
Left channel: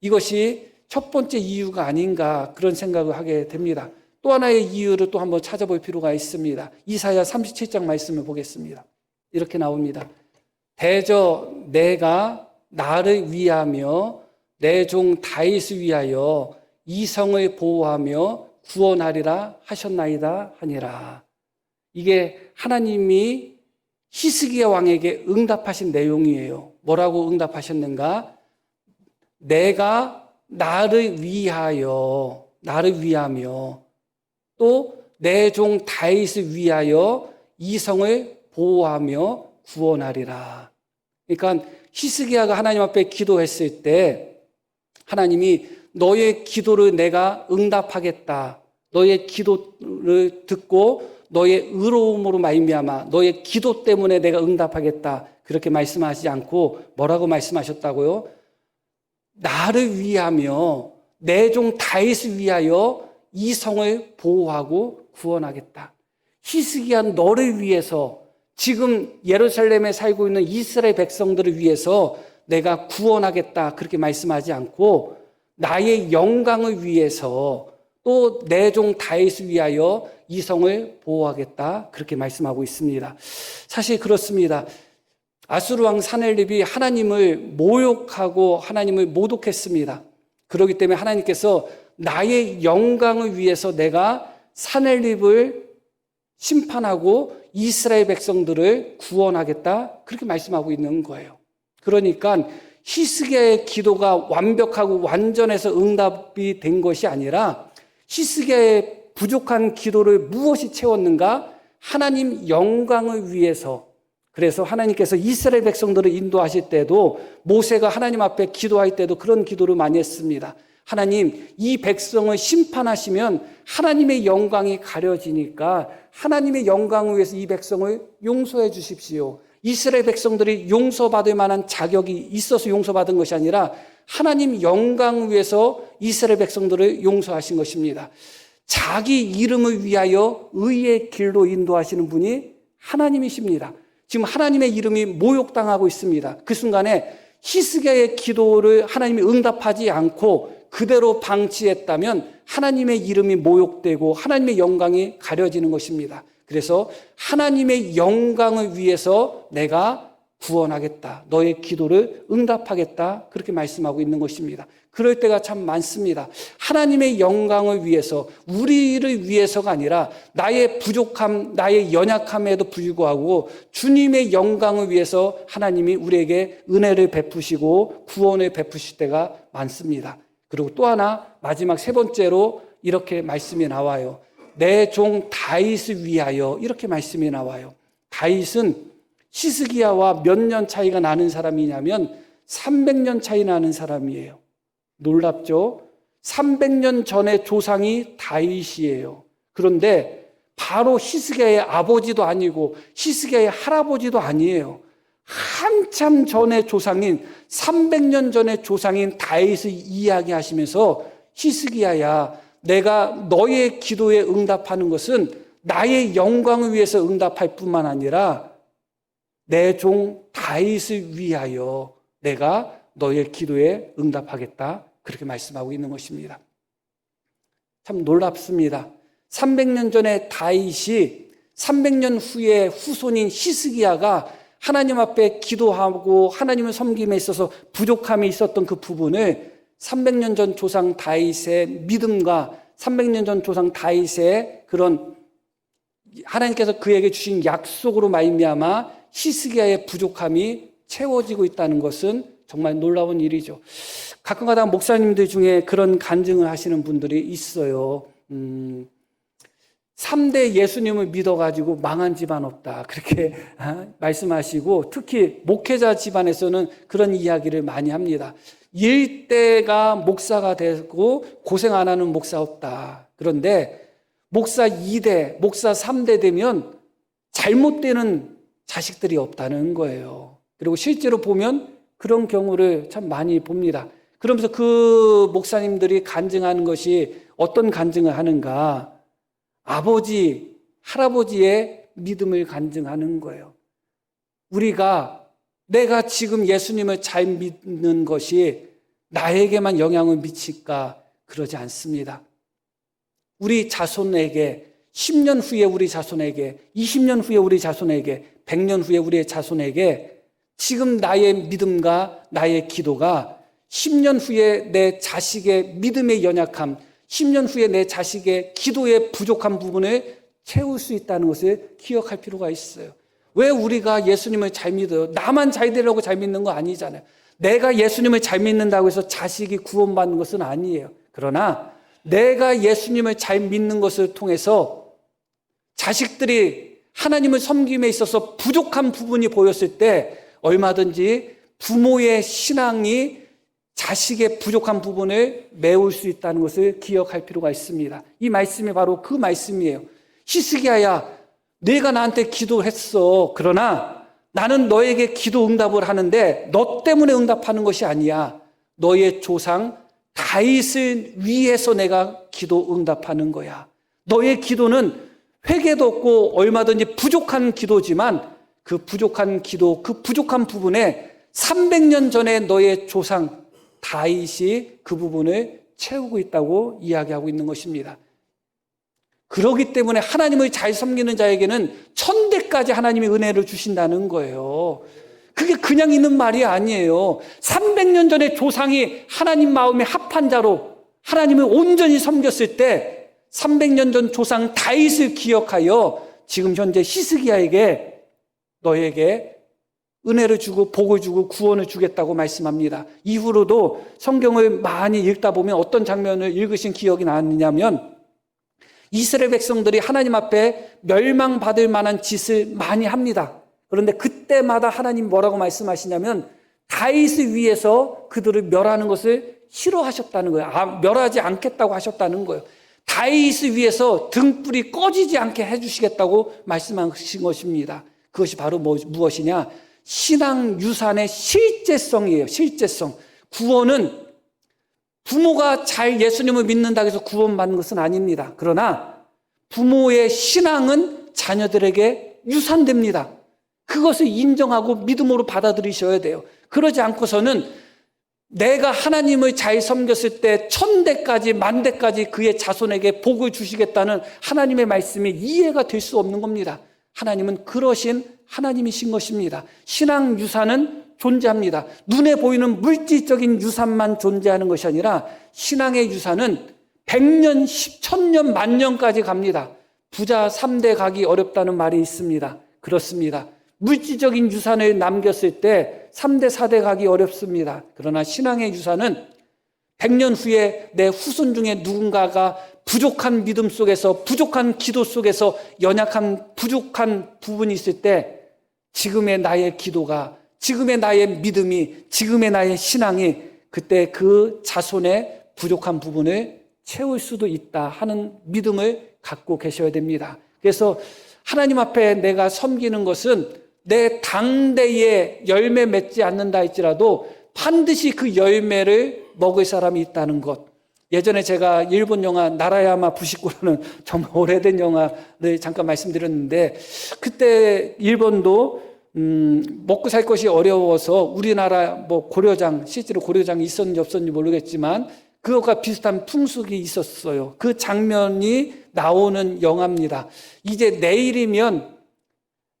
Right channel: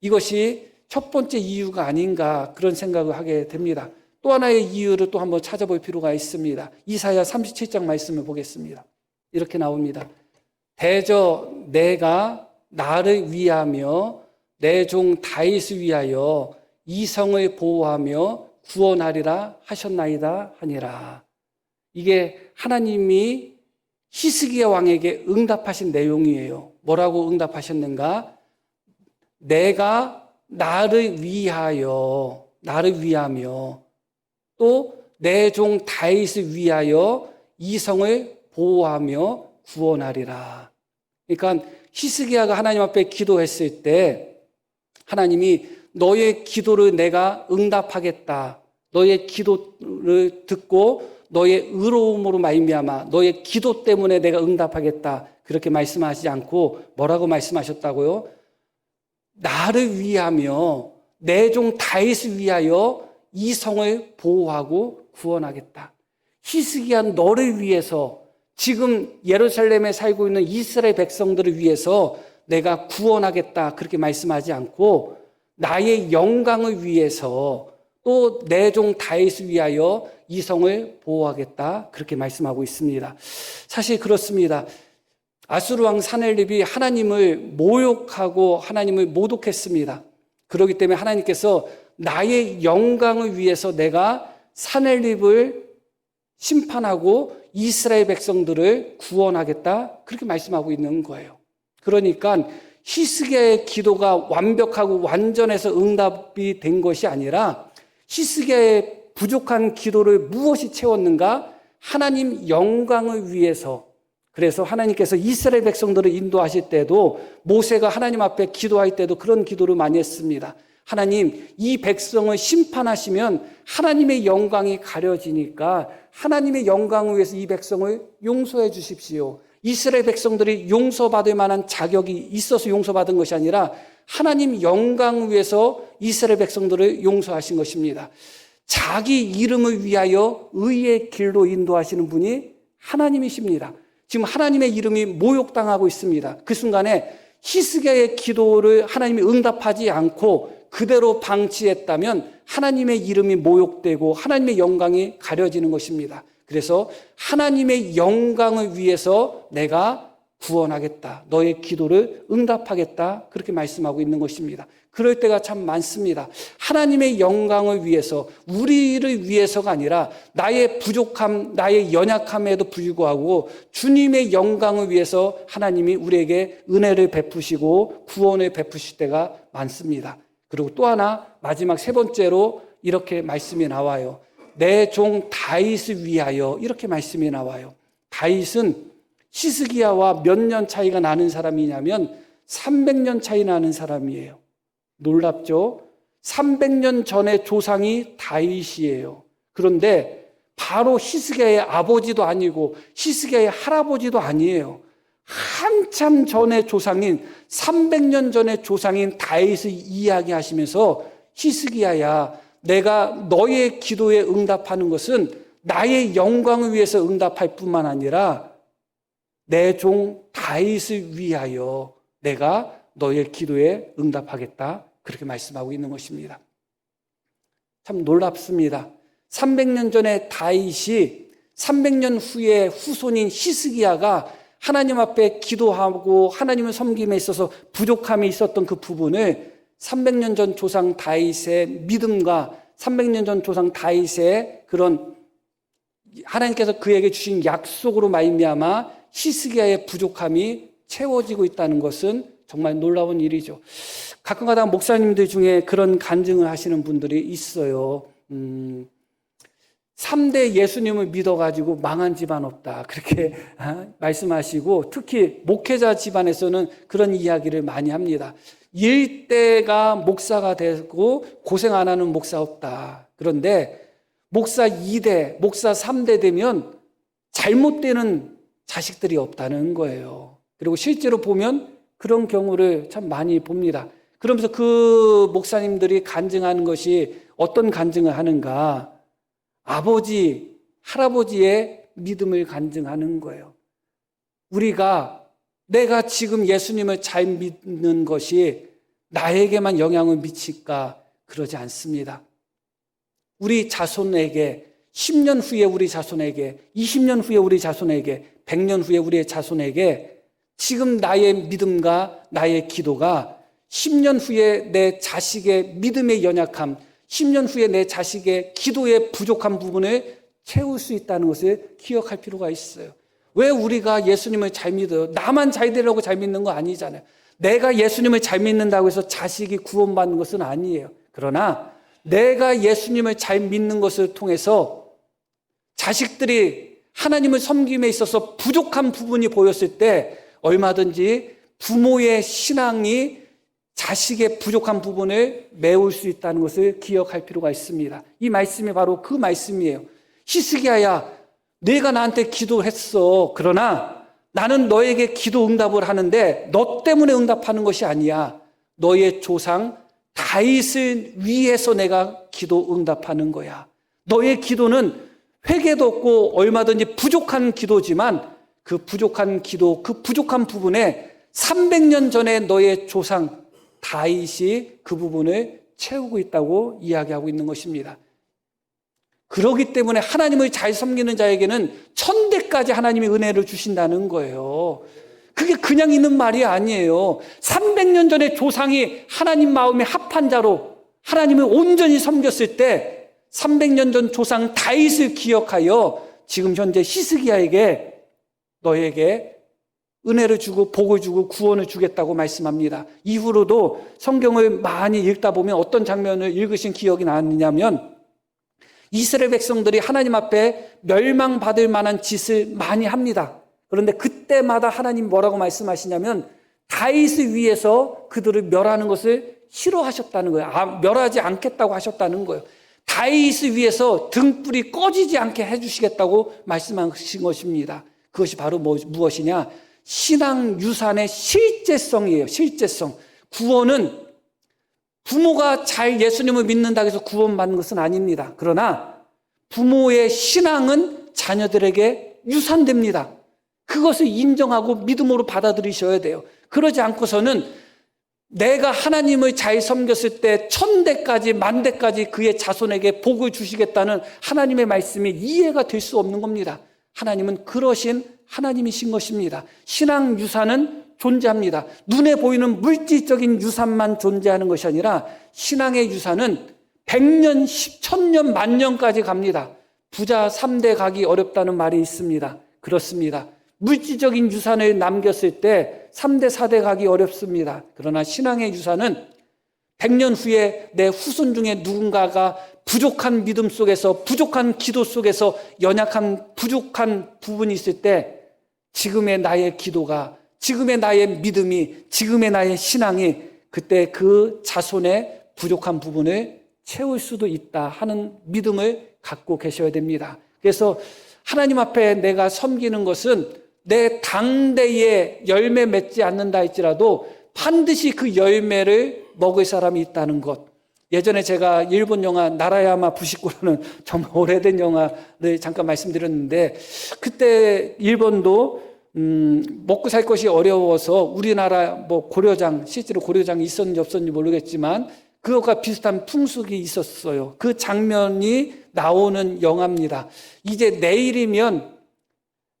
이것이 첫 번째 이유가 아닌가 그런 생각을 하게 됩니다. 또 하나의 이유를 또 한번 찾아볼 필요가 있습니다. 이사야 37장 말씀을 보겠습니다. 이렇게 나옵니다. 대저 내가 나를 위하며 내 종 다윗을 위하여 이 성을 보호하며 구원하리라 하셨나이다 하니라. 이게 하나님이 히스기야 왕에게 응답하신 내용이에요. 뭐라고 응답하셨는가? 내가 나를 위하며 또 내 종 다윗을 위하여 이 성을 보호하며 구원하리라. 그러니까 히스기야가 하나님 앞에 기도했을 때 하나님이 너의 기도를 내가 응답하겠다. 너의 기도를 듣고 너의 의로움으로 말미암아 너의 기도 때문에 내가 응답하겠다. 그렇게 말씀하지 않고 뭐라고 말씀하셨다고요? 나를 위하며 내 종 다윗을 위하여 이 성을 보호하고 구원하겠다. 히스기야는 너를 위해서, 지금 예루살렘에 살고 있는 이스라엘 백성들을 위해서 내가 구원하겠다. 그렇게 말씀하지 않고 나의 영광을 위해서 또 내 종 다윗을 위하여 이 성을 보호하겠다. 그렇게 말씀하고 있습니다. 사실 그렇습니다. 아수르 왕 사넬립이 하나님을 모욕하고 하나님을 모독했습니다. 그렇기 때문에 하나님께서 나의 영광을 위해서 내가 사넬립을 심판하고 이스라엘 백성들을 구원하겠다. 그렇게 말씀하고 있는 거예요. 그러니까 히스기야의 기도가 완벽하고 완전해서 응답이 된 것이 아니라 히스기야의 부족한 기도를 무엇이 채웠는가? 하나님 영광을 위해서. 그래서 하나님께서 이스라엘 백성들을 인도하실 때도 모세가 하나님 앞에 기도할 때도 그런 기도를 많이 했습니다. 하나님, 이 백성을 심판하시면 하나님의 영광이 가려지니까 하나님의 영광을 위해서 이 백성을 용서해 주십시오. 이스라엘 백성들이 용서받을 만한 자격이 있어서 용서받은 것이 아니라 하나님 영광을 위해서 이스라엘 백성들을 용서하신 것입니다. 자기 이름을 위하여 의의 길로 인도하시는 분이 하나님이십니다. 지금 하나님의 이름이 모욕당하고 있습니다. 그 순간에 히스기야의 기도를 하나님이 응답하지 않고 그대로 방치했다면 하나님의 이름이 모욕되고 하나님의 영광이 가려지는 것입니다. 그래서 하나님의 영광을 위해서 내가 구원하겠다. 너의 기도를 응답하겠다. 그렇게 말씀하고 있는 것입니다. 그럴 때가 참 많습니다. 하나님의 영광을 위해서, 우리를 위해서가 아니라 나의 부족함, 나의 연약함에도 불구하고 주님의 영광을 위해서 하나님이 우리에게 은혜를 베푸시고 구원을 베푸실 때가 많습니다. 그리고 또 하나, 마지막 세 번째로 이렇게 말씀이 나와요. 내 종 다윗을 위하여, 이렇게 말씀이 나와요. 다윗은 히스기야와 몇 년 차이가 나는 사람이냐면 300년 차이 나는 사람이에요. 놀랍죠? 300년 전의 조상이 다윗이에요. 그런데 바로 히스기야의 아버지도 아니고 히스기야의 할아버지도 아니에요. 한참 전의 조상인, 300년 전의 조상인 다윗을 이야기하시면서, 히스기야야, 내가 너의 기도에 응답하는 것은 나의 영광을 위해서 응답할 뿐만 아니라 내 종 다윗을 위하여 내가 너의 기도에 응답하겠다, 그렇게 말씀하고 있는 것입니다. 참 놀랍습니다. 300년 전에 다윗이 300년 후에 후손인 히스기야가 하나님 앞에 기도하고 하나님을 섬김에 있어서 부족함이 있었던 그 부분에 300년 전 조상 다윗의 믿음과 300년 전 조상 다윗의 그런 하나님께서 그에게 주신 약속으로 말미암아 히스기야의 부족함이 채워지고 있다는 것은 정말 놀라운 일이죠. 가끔가다 목사님들 중에 그런 간증을 하시는 분들이 있어요. 3대 예수님을 믿어가지고 망한 집안 없다, 그렇게 말씀하시고, 특히 목회자 집안에서는 그런 이야기를 많이 합니다. 1대가 목사가 되고 고생 안 하는 목사 없다. 그런데 목사 2대, 목사 3대 되면 잘못되는 자식들이 없다는 거예요. 그리고 실제로 보면 그런 경우를 참 많이 봅니다. 그러면서 그 목사님들이 간증하는 것이 어떤 간증을 하는가? 아버지, 할아버지의 믿음을 간증하는 거예요. 내가 지금 예수님을 잘 믿는 것이 나에게만 영향을 미칠까? 그러지 않습니다. 우리 자손에게, 10년 후에 우리 자손에게, 20년 후에 우리 자손에게, 100년 후에 우리의 자손에게 지금 나의 믿음과 나의 기도가 10년 후에 내 자식의 믿음의 연약함, 10년 후에 내 자식의 기도의 부족한 부분을 채울 수 있다는 것을 기억할 필요가 있어요. 왜 우리가 예수님을 잘 믿어요? 나만 잘 되려고 잘 믿는 거 아니잖아요. 내가 예수님을 잘 믿는다고 해서 자식이 구원받는 것은 아니에요. 그러나 내가 예수님을 잘 믿는 것을 통해서 자식들이 하나님을 섬김에 있어서 부족한 부분이 보였을 때 얼마든지 부모의 신앙이 자식의 부족한 부분을 메울 수 있다는 것을 기억할 필요가 있습니다. 이 말씀이 바로 그 말씀이에요. 히스기야야, 내가 나한테 기도했어. 그러나 나는 너에게 기도 응답을 하는데 너 때문에 응답하는 것이 아니야. 너의 조상 다윗을 위해서 내가 기도 응답하는 거야. 너의 기도는 회개도 없고 얼마든지 부족한 기도지만 그 부족한 기도, 그 부족한 부분에 300년 전에 너의 조상 다윗이 그 부분을 채우고 있다고 이야기하고 있는 것입니다. 그렇기 때문에 하나님을 잘 섬기는 자에게는 천대까지 하나님의 은혜를 주신다는 거예요. 그게 그냥 있는 말이 아니에요. 300년 전에 조상이 하나님 마음에 합한 자로 하나님을 온전히 섬겼을 때 300년 전 조상 다윗을 기억하여 지금 현재 히스기야에게 너에게 은혜를 주고 복을 주고 구원을 주겠다고 말씀합니다. 이후로도 성경을 많이 읽다 보면 어떤 장면을 읽으신 기억이 나느냐면 이스라엘 백성들이 하나님 앞에 멸망받을 만한 짓을 많이 합니다. 그런데 그때마다 하나님 뭐라고 말씀하시냐면 다윗을 위해서 그들을 멸하는 것을 싫어하셨다는 거예요. 멸하지 않겠다고 하셨다는 거예요. 다윗을 위해서 등불이 꺼지지 않게 해주시겠다고 말씀하신 것입니다. 그것이 바로 무엇이냐? 신앙 유산의 실제성이에요. 실제성. 구원은 부모가 잘 예수님을 믿는다고 해서 구원받는 것은 아닙니다. 그러나 부모의 신앙은 자녀들에게 유산됩니다. 그것을 인정하고 믿음으로 받아들이셔야 돼요. 그러지 않고서는 내가 하나님을 잘 섬겼을 때 1000대까지 10,000대까지 그의 자손에게 복을 주시겠다는 하나님의 말씀이 이해가 될 수 없는 겁니다. 하나님은 그러신 하나님이신 것입니다. 신앙 유산은 존재합니다. 눈에 보이는 물질적인 유산만 존재하는 것이 아니라 신앙의 유산은 100년, 1000년, 만년까지 갑니다. 부자 3대 가기 어렵다는 말이 있습니다. 그렇습니다. 물질적인 유산을 남겼을 때 3대, 4대 가기 어렵습니다. 그러나 신앙의 유산은 100년 후에 내 후손 중에 누군가가 부족한 믿음 속에서, 부족한 기도 속에서 연약한 부족한 부분이 있을 때 지금의 나의 기도가, 지금의 나의 믿음이, 지금의 나의 신앙이 그때 그 자손의 부족한 부분을 채울 수도 있다 하는 믿음을 갖고 계셔야 됩니다. 그래서 하나님 앞에 내가 섬기는 것은 내 당대에 열매 맺지 않는다 할지라도 반드시 그 열매를 먹을 사람이 있다는 것. 예전에 제가 일본 영화 나라야마 부시코라는 좀 오래된 영화를 잠깐 말씀드렸는데, 그때 일본도 먹고 살 것이 어려워서 우리나라 뭐 고려장, 실제로 고려장이 있었는지 없었는지 모르겠지만 그것과 비슷한 풍습이 있었어요. 그 장면이 나오는 영화입니다. 이제 내일이면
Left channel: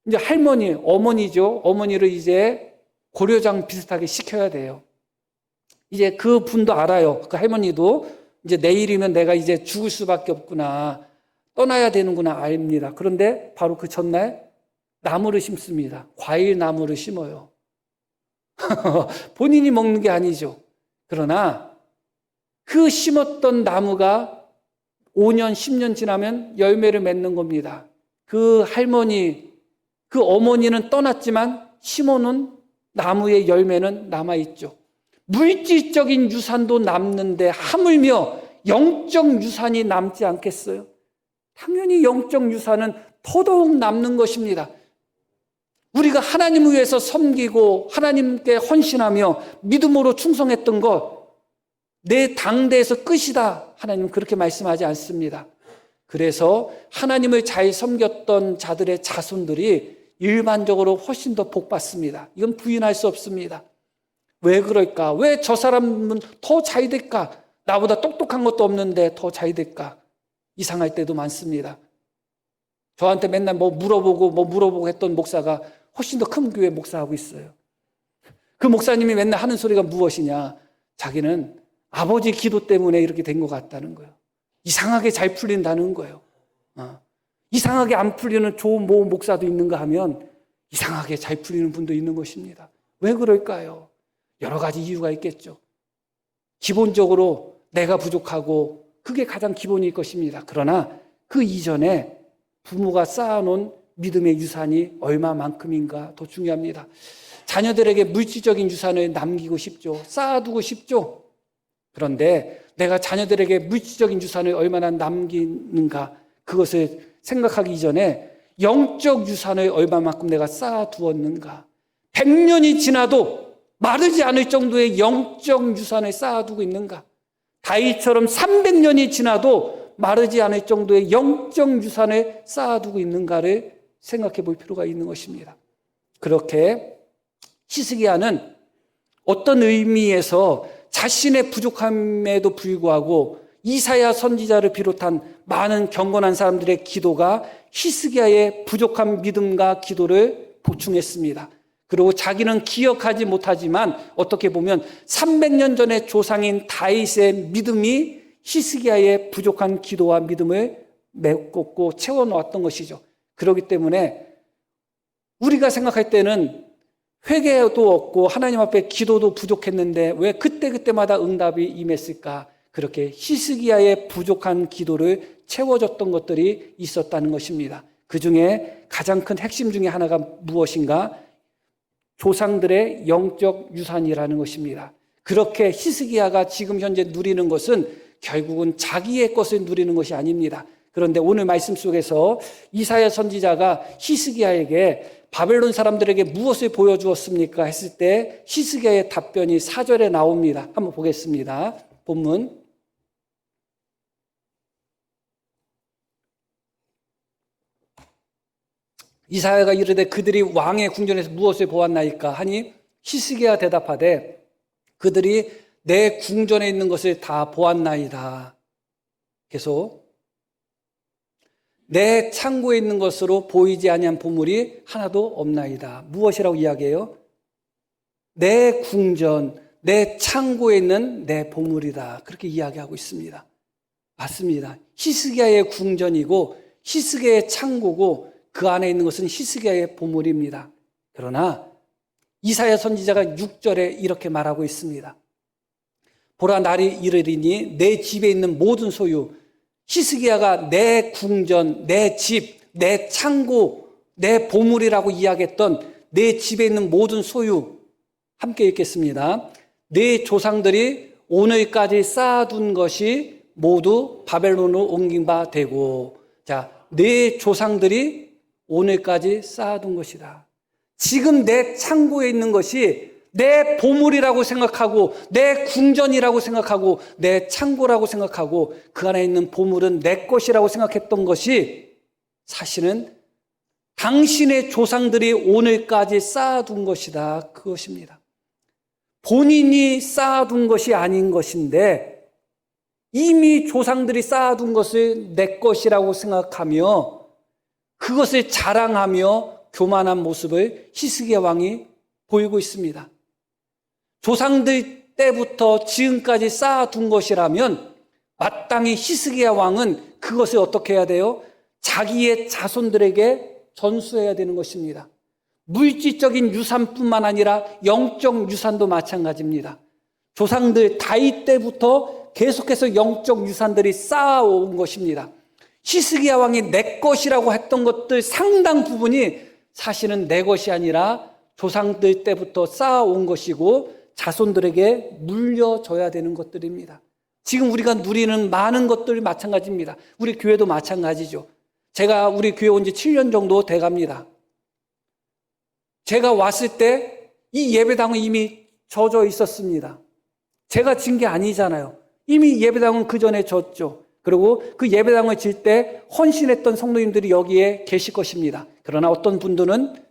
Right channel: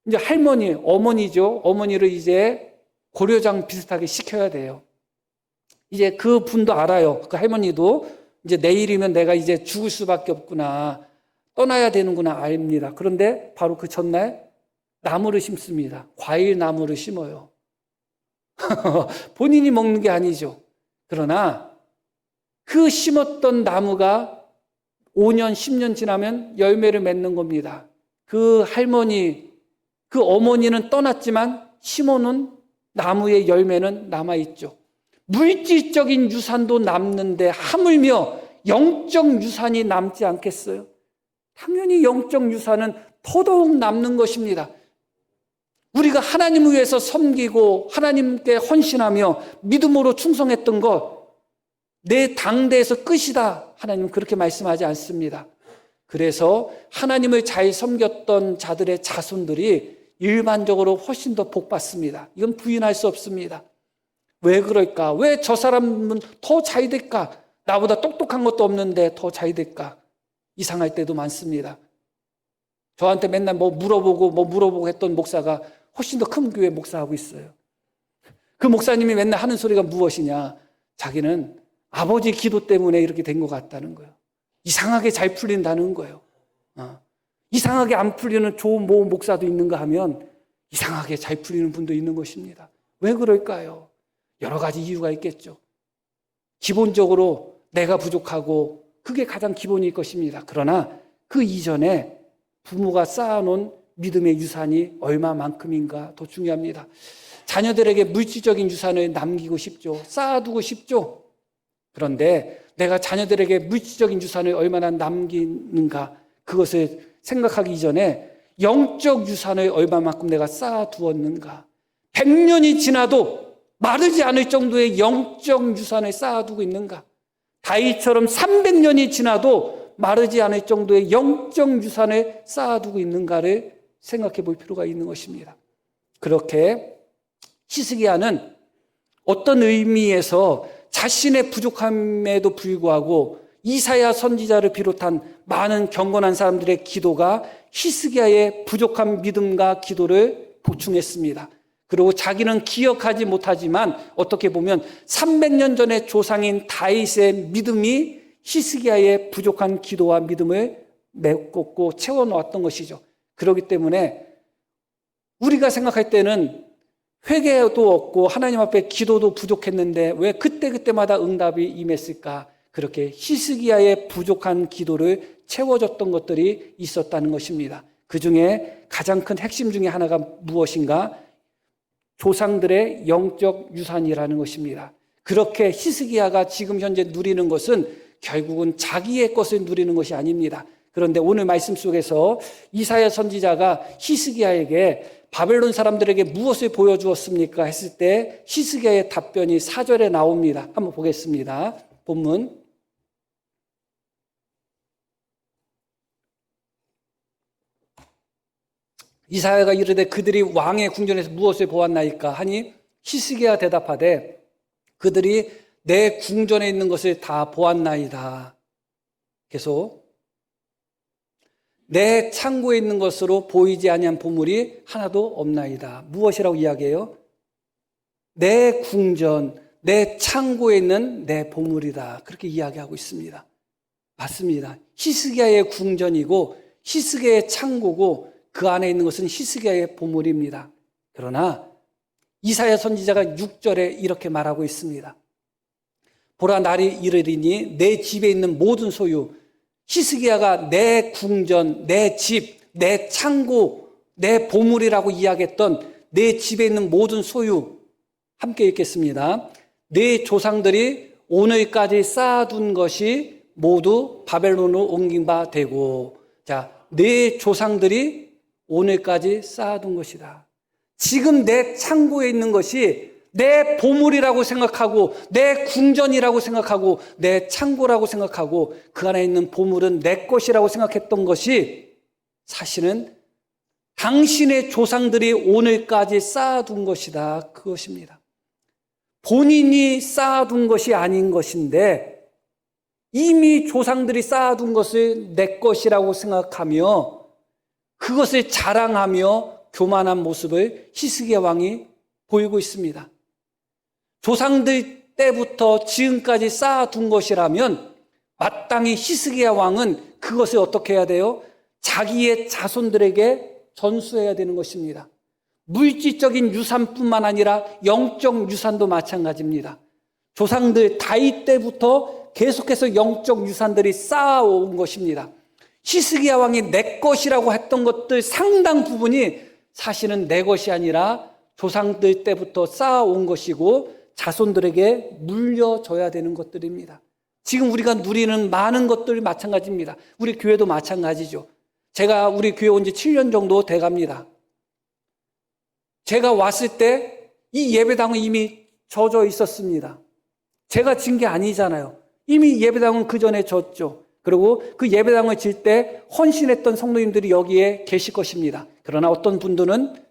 이제 할머니, 어머니죠. 어머니를 이제 고려장 비슷하게 시켜야 돼요. 이제 그 분도 알아요. 그 할머니도 이제 내일이면 내가 이제 죽을 수밖에 없구나, 떠나야 되는구나 압니다. 그런데 바로 그 전날 나무를 심습니다. 과일 나무를 심어요. 본인이 먹는 게 아니죠. 그러나 그 심었던 나무가 5년, 10년 지나면 열매를 맺는 겁니다. 그 할머니, 그 어머니는 떠났지만 심어놓은 나무의 열매는 남아있죠. 물질적인 유산도 남는데 하물며 영적 유산이 남지 않겠어요? 당연히 영적 유산은 더더욱 남는 것입니다. 우리가 하나님을 위해서 섬기고 하나님께 헌신하며 믿음으로 충성했던 것, 내 당대에서 끝이다. 하나님은 그렇게 말씀하지 않습니다. 그래서 하나님을 잘 섬겼던 자들의 자손들이 일반적으로 훨씬 더 복받습니다. 이건 부인할 수 없습니다. 왜 그럴까? 왜 저 사람은 더 잘 될까? 나보다 똑똑한 것도 없는데 더 잘 될까? 이상할 때도 많습니다. 저한테 맨날 뭐 물어보고 했던 목사가 훨씬 더 큰 교회 목사하고 있어요. 그 목사님이 맨날 하는 소리가 무엇이냐? 자기는 아버지 기도 때문에 이렇게 된 것 같다는 거예요. 이상하게 잘 풀린다는 거예요. 이상하게 안 풀리는 좋은 목사도 있는가 하면 이상하게 잘 풀리는 분도 있는 것입니다. 왜 그럴까요? 여러 가지 이유가 있겠죠. 기본적으로 내가 부족하고 그게 가장 기본일 것입니다. 그러나 그 이전에 부모가 쌓아놓은 믿음의 유산이 얼마만큼인가 더 중요합니다. 자녀들에게 물질적인 유산을 남기고 싶죠. 쌓아두고 싶죠. 그런데 내가 자녀들에게 물질적인 유산을 얼마나 남기는가, 그것을 생각하기 이전에 영적 유산을 얼마만큼 내가 쌓아두었는가. 100년이 지나도 마르지 않을 정도의 영적 유산을 쌓아두고 있는가. 다윗처럼 300년이 지나도 마르지 않을 정도의 영적 유산을 쌓아두고 있는가를 생각해 볼 필요가 있는 것입니다. 그렇게 히스기야는 어떤 의미에서 자신의 부족함에도 불구하고 이사야 선지자를 비롯한 많은 경건한 사람들의 기도가 히스기야의 부족한 믿음과 기도를 보충했습니다. 그리고 자기는 기억하지 못하지만 어떻게 보면 300년 전의 조상인 다윗의 믿음이 히스기야의 부족한 기도와 믿음을 메꿨고 채워놓았던 것이죠. 그렇기 때문에 우리가 생각할 때는 회개도 없고 하나님 앞에 기도도 부족했는데 왜 그때그때마다 응답이 임했을까? 그렇게 히스기야의 부족한 기도를 채워줬던 것들이 있었다는 것입니다. 그 중에 가장 큰 핵심 중에 하나가 무엇인가? 조상들의 영적 유산이라는 것입니다. 그렇게 히스기야가 지금 현재 누리는 것은 결국은 자기의 것을 누리는 것이 아닙니다. 그런데 오늘 말씀 속에서 이사야 선지자가 히스기야에게 바벨론 사람들에게 무엇을 보여주었습니까? 했을 때 히스기야의 답변이 4절에 나옵니다. 한번 보겠습니다. 본문. 이사야가 이르되 그들이 왕의 궁전에서 무엇을 보았나이까 하니 히스기야 대답하되 그들이 내 궁전에 있는 것을 다 보았나이다. 계속 내 창고에 있는 것으로 보이지 아니한 보물이 하나도 없나이다. 무엇이라고 이야기해요? 내 궁전, 내 창고에 있는 내 보물이다. 그렇게 이야기하고 있습니다. 맞습니다. 히스기야의 궁전이고 히스기야의 창고고 그 안에 있는 것은 히스기야의 보물입니다. 그러나 이사야 선지자가 6절에 이렇게 말하고 있습니다. 보라 날이 이르리니 내 집에 있는 모든 소유, 히스기야가 내 궁전, 내 집, 내 창고, 내 보물이라고 이야기했던 내 집에 있는 모든 소유, 함께 읽겠습니다. 내 조상들이 오늘까지 쌓아둔 것이 모두 바벨론으로 옮긴 바 되고, 자, 내 조상들이 오늘까지 쌓아둔 것이다. 지금 내 창고에 있는 것이 내 보물이라고 생각하고 내 궁전이라고 생각하고 내 창고라고 생각하고 그 안에 있는 보물은 내 것이라고 생각했던 것이 사실은 당신의 조상들이 오늘까지 쌓아둔 것이다. 그것입니다. 본인이 쌓아둔 것이 아닌 것인데 이미 조상들이 쌓아둔 것을 내 것이라고 생각하며 그것을 자랑하며 교만한 모습을 히스기야 왕이 보이고 있습니다. 조상들 때부터 지금까지 쌓아둔 것이라면 마땅히 히스기야 왕은 그것을 어떻게 해야 돼요? 자기의 자손들에게 전수해야 되는 것입니다. 물질적인 유산뿐만 아니라 영적 유산도 마찬가지입니다. 조상들 다윗 때부터 계속해서 영적 유산들이 쌓아온 것입니다. 히스기야 왕이 내 것이라고 했던 것들 상당 부분이 사실은 내 것이 아니라 조상들 때부터 쌓아온 것이고 자손들에게 물려줘야 되는 것들입니다. 지금 우리가 누리는 많은 것들이 마찬가지입니다. 우리 교회도 마찬가지죠. 제가 우리 교회 온 지 7년 정도 돼갑니다. 제가 왔을 때 이 예배당은 이미 젖어 있었습니다. 제가 진 게 아니잖아요. 이미 예배당은 그 전에 졌죠. 그리고 그 예배당을 질 때 헌신했던 성도님들이 여기에 계실 것입니다. 그러나 어떤 분들은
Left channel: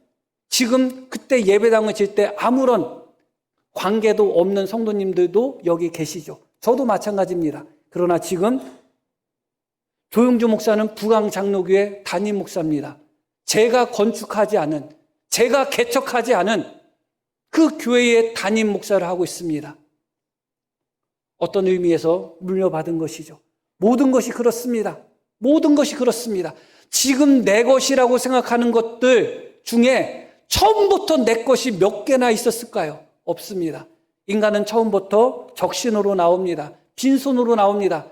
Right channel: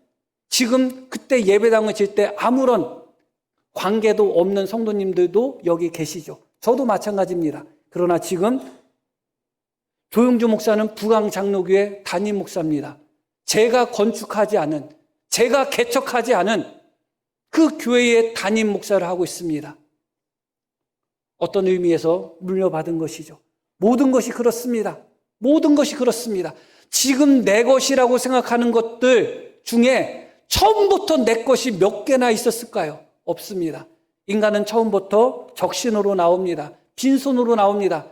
지금 그때 예배당을 질 때 아무런 관계도 없는 성도님들도 여기 계시죠. 저도 마찬가지입니다. 그러나 지금 조영주 목사는 부강 장로교회 담임 목사입니다. 제가 건축하지 않은, 제가 개척하지 않은 그 교회의 담임 목사를 하고 있습니다. 어떤 의미에서 물려받은 것이죠. 모든 것이 그렇습니다. 모든 것이 그렇습니다. 지금 내 것이라고 생각하는 것들 중에 처음부터 내 것이 몇 개나 있었을까요? 없습니다. 인간은 처음부터 적신으로 나옵니다. 빈손으로 나옵니다.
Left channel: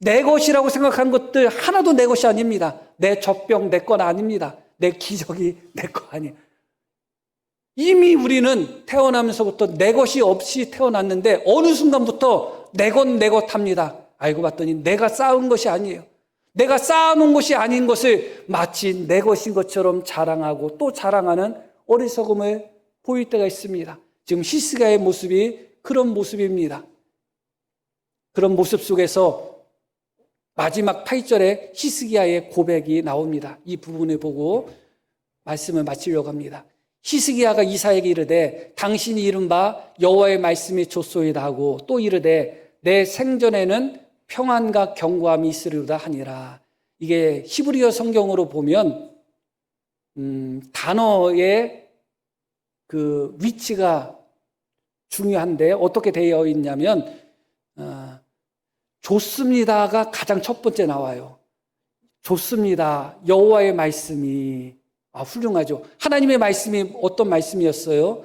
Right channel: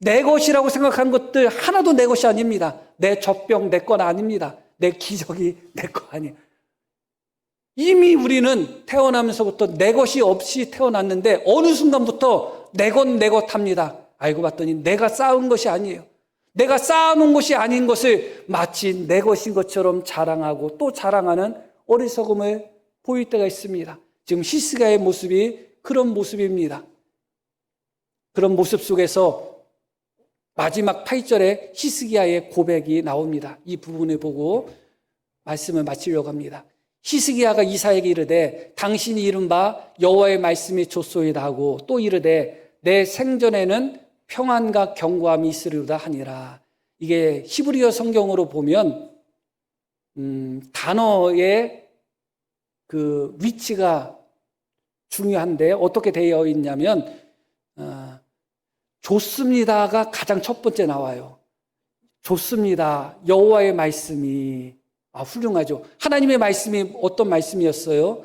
내 것이라고 생각한 것들 하나도 내 것이 아닙니다. 내 젖병 내 건 아닙니다. 내 기저귀 내 거 아니에요. 이미 우리는 태어나면서부터 내 것이 없이 태어났는데 어느 순간부터 내 것 내 것 합니다. 알고 봤더니 내가 쌓은 것이 아니에요. 내가 쌓아놓은 것이 아닌 것을 마치 내 것인 것처럼 자랑하고 또 자랑하는 어리석음을 보일 때가 있습니다. 지금 히스기야의 모습이 그런 모습입니다. 그런 모습 속에서 마지막 8절에 히스기야의 고백이 나옵니다. 이 부분을 보고 말씀을 마치려고 합니다. 히스기야가 이사야에게 이르되 당신이 이른 바 여호와의 말씀이 좋소이다 하고 또 이르되 내 생전에는 평안과 견고함이 있으리로다 하니라. 이게 히브리어 성경으로 보면 단어의 그 위치가 중요한데 어떻게 되어 있냐면 좋습니다가 가장 첫 번째 나와요. 좋습니다. 여호와의 말씀이 훌륭하죠. 하나님의 말씀이 어떤 말씀이었어요?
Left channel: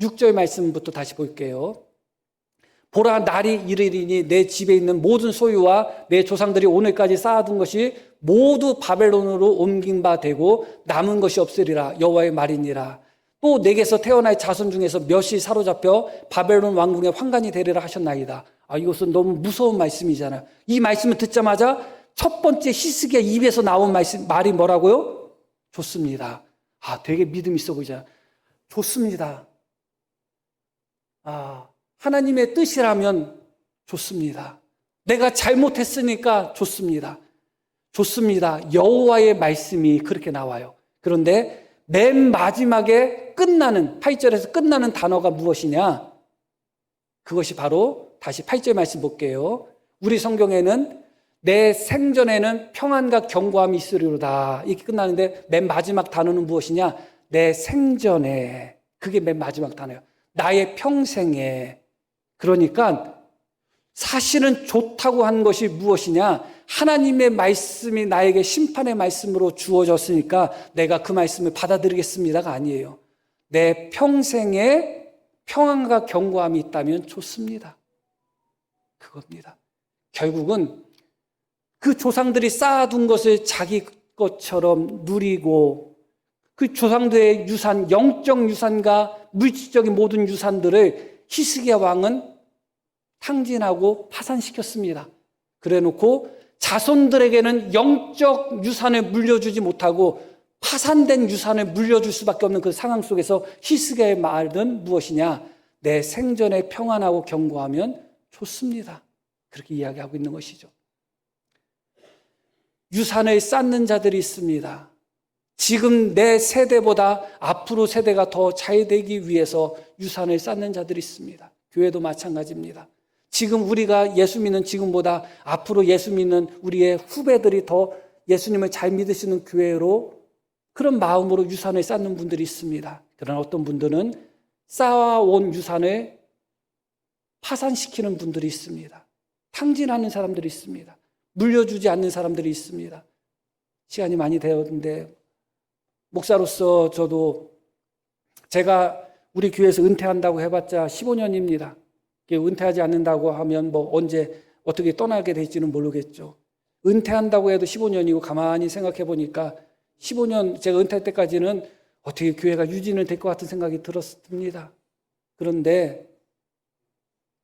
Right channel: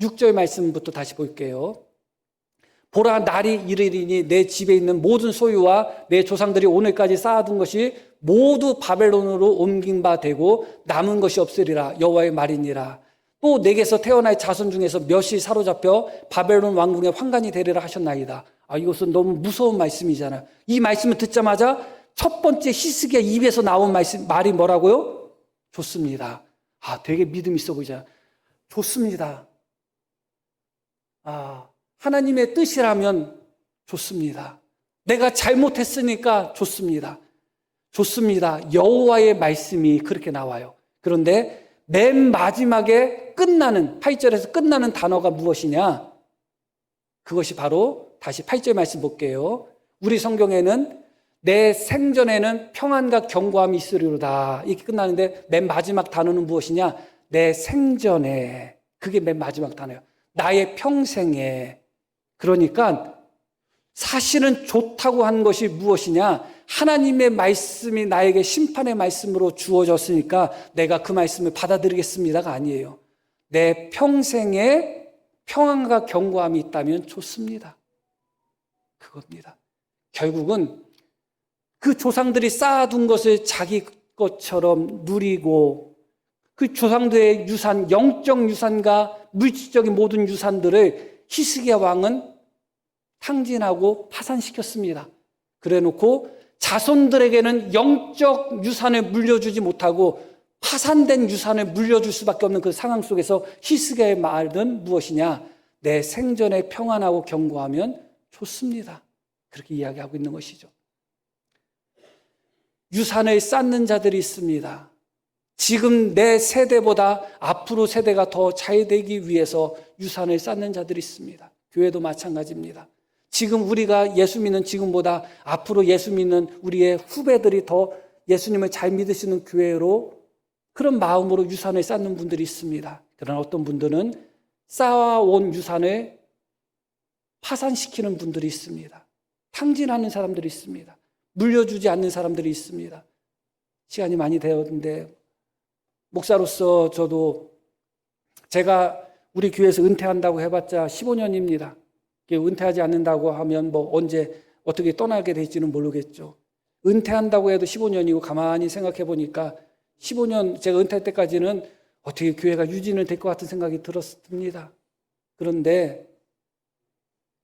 6절 말씀부터 다시 볼게요. 보라 날이 이르리니 내 집에 있는 모든 소유와 내 조상들이 오늘까지 쌓아둔 것이 모두 바벨론으로 옮긴 바 되고 남은 것이 없으리라. 여호와의 말이니라. 또 내게서 태어날 자손 중에서 몇이 사로잡혀 바벨론 왕궁의 환관이 되리라 하셨나이다. 이것은 너무 무서운 말씀이잖아. 이 말씀을 듣자마자 첫 번째 히스기야 입에서 나온 말이 뭐라고요? 좋습니다. 되게 믿음 있어 보이잖아요. 좋습니다. 하나님의 뜻이라면 좋습니다. 내가 잘못했으니까 좋습니다. 좋습니다. 여호와의 말씀이 그렇게 나와요. 그런데 맨 마지막에 끝나는 8절에서 끝나는 단어가 무엇이냐? 그것이 바로 다시 8절 말씀 볼게요. 우리 성경에는 내 생전에는 평안과 견고함이 있으리로다 이렇게 끝나는데 맨 마지막 단어는 무엇이냐? 내 생전에. 그게 맨 마지막 단어예요. 나의 평생에. 그러니까 사실은 좋다고 한 것이 무엇이냐? 하나님의 말씀이 나에게 심판의 말씀으로 주어졌으니까 내가 그 말씀을 받아들이겠습니다가 아니에요. 내 평생에 평안과 견고함이 있다면 좋습니다. 그겁니다. 결국은 그 조상들이 쌓아둔 것을 자기 것처럼 누리고 그 조상들의 유산, 영적 유산과 물질적인 모든 유산들을 히스기야 왕은 탕진하고 파산시켰습니다. 그래놓고 자손들에게는 영적 유산을 물려주지 못하고 파산된 유산을 물려줄 수밖에 없는 그 상황 속에서 히스기야의 말은 무엇이냐? 내 생전에 평안하고 견고하면 좋습니다. 그렇게 이야기하고 있는 것이죠. 유산을 쌓는 자들이 있습니다. 지금 내 세대보다 앞으로 세대가 더 잘 되기 위해서 유산을 쌓는 자들이 있습니다. 교회도 마찬가지입니다. 지금 우리가 예수 믿는 지금보다 앞으로 예수 믿는 우리의 후배들이 더 예수님을 잘 믿을 수 있는 교회로 그런 마음으로 유산을 쌓는 분들이 있습니다. 그러나 어떤 분들은 쌓아온 유산을 파산시키는 분들이 있습니다. 탕진하는 사람들이 있습니다. 물려주지 않는 사람들이 있습니다. 시간이 많이 되었는데 목사로서 저도 제가 우리 교회에서 은퇴한다고 해봤자 15년입니다. 은퇴하지 않는다고 하면 뭐 언제 어떻게 떠나게 될지는 모르겠죠. 은퇴한다고 해도 15년이고 가만히 생각해 보니까 15년 제가 은퇴할 때까지는 어떻게 교회가 유지는 될 것 같은 생각이 들었습니다. 그런데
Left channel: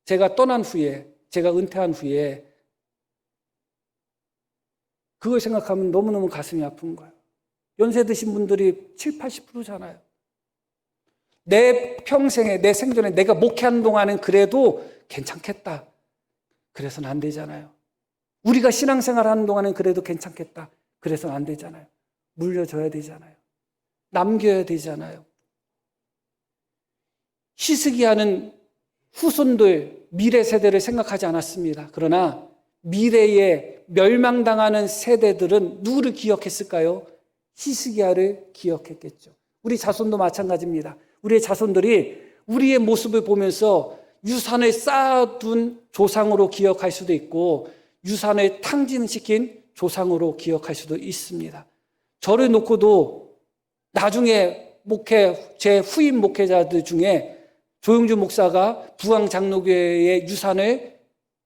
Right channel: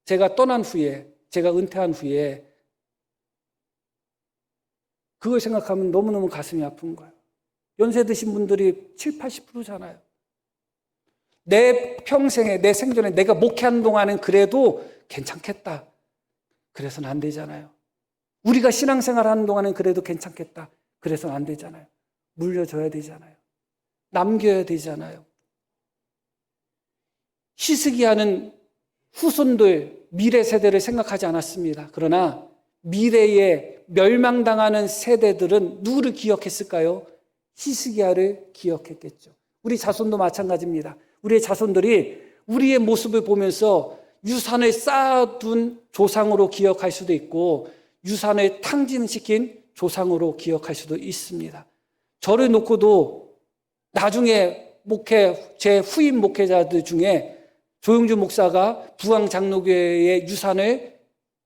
제가 떠난 후에, 제가 은퇴한 후에 그걸 생각하면 너무너무 가슴이 아픈 거예요. 연세 드신 분들이 70, 80%잖아요. 내 평생에, 내 생전에 내가 목회하는 동안은 그래도 괜찮겠다. 그래서는 안 되잖아요. 우리가 신앙생활 하는 동안은 그래도 괜찮겠다. 그래서는 안 되잖아요. 물려줘야 되잖아요. 남겨야 되잖아요. 히스기야는 후손들, 미래 세대를 생각하지 않았습니다. 그러나 미래에 멸망당하는 세대들은 누구를 기억했을까요? 히스기야를 기억했겠죠. 우리 자손도 마찬가지입니다. 우리 자손들이 우리의 모습을 보면서 유산을 쌓아둔 조상으로 기억할 수도 있고 유산을 탕진시킨 조상으로 기억할 수도 있습니다. 저를 놓고도 나중에 제 후임 목회자들 중에 조영준 목사가 부항장로교회의 유산을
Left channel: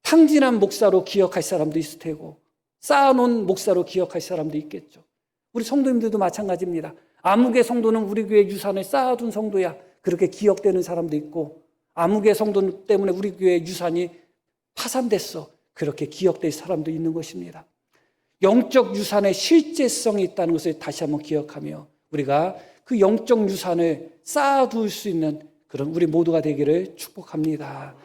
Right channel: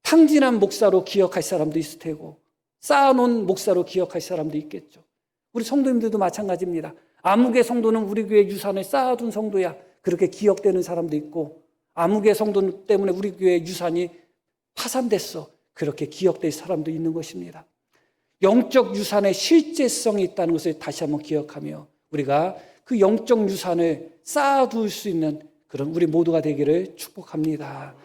탕진한 목사로 기억할 사람도 있을 테고 쌓아놓은 목사로 기억할 사람도 있겠죠. 우리 성도님들도 마찬가지입니다. 아무개 성도는 우리 교회 유산을 쌓아둔 성도야. 그렇게 기억되는 사람도 있고 아무개 성도 때문에 우리 교회 유산이 파산됐어. 그렇게 기억될 사람도 있는 것입니다. 영적 유산의 실제성이 있다는 것을 다시 한번 기억하며 우리가 그 영적 유산을 쌓아둘 수 있는 그런 우리 모두가 되기를 축복합니다.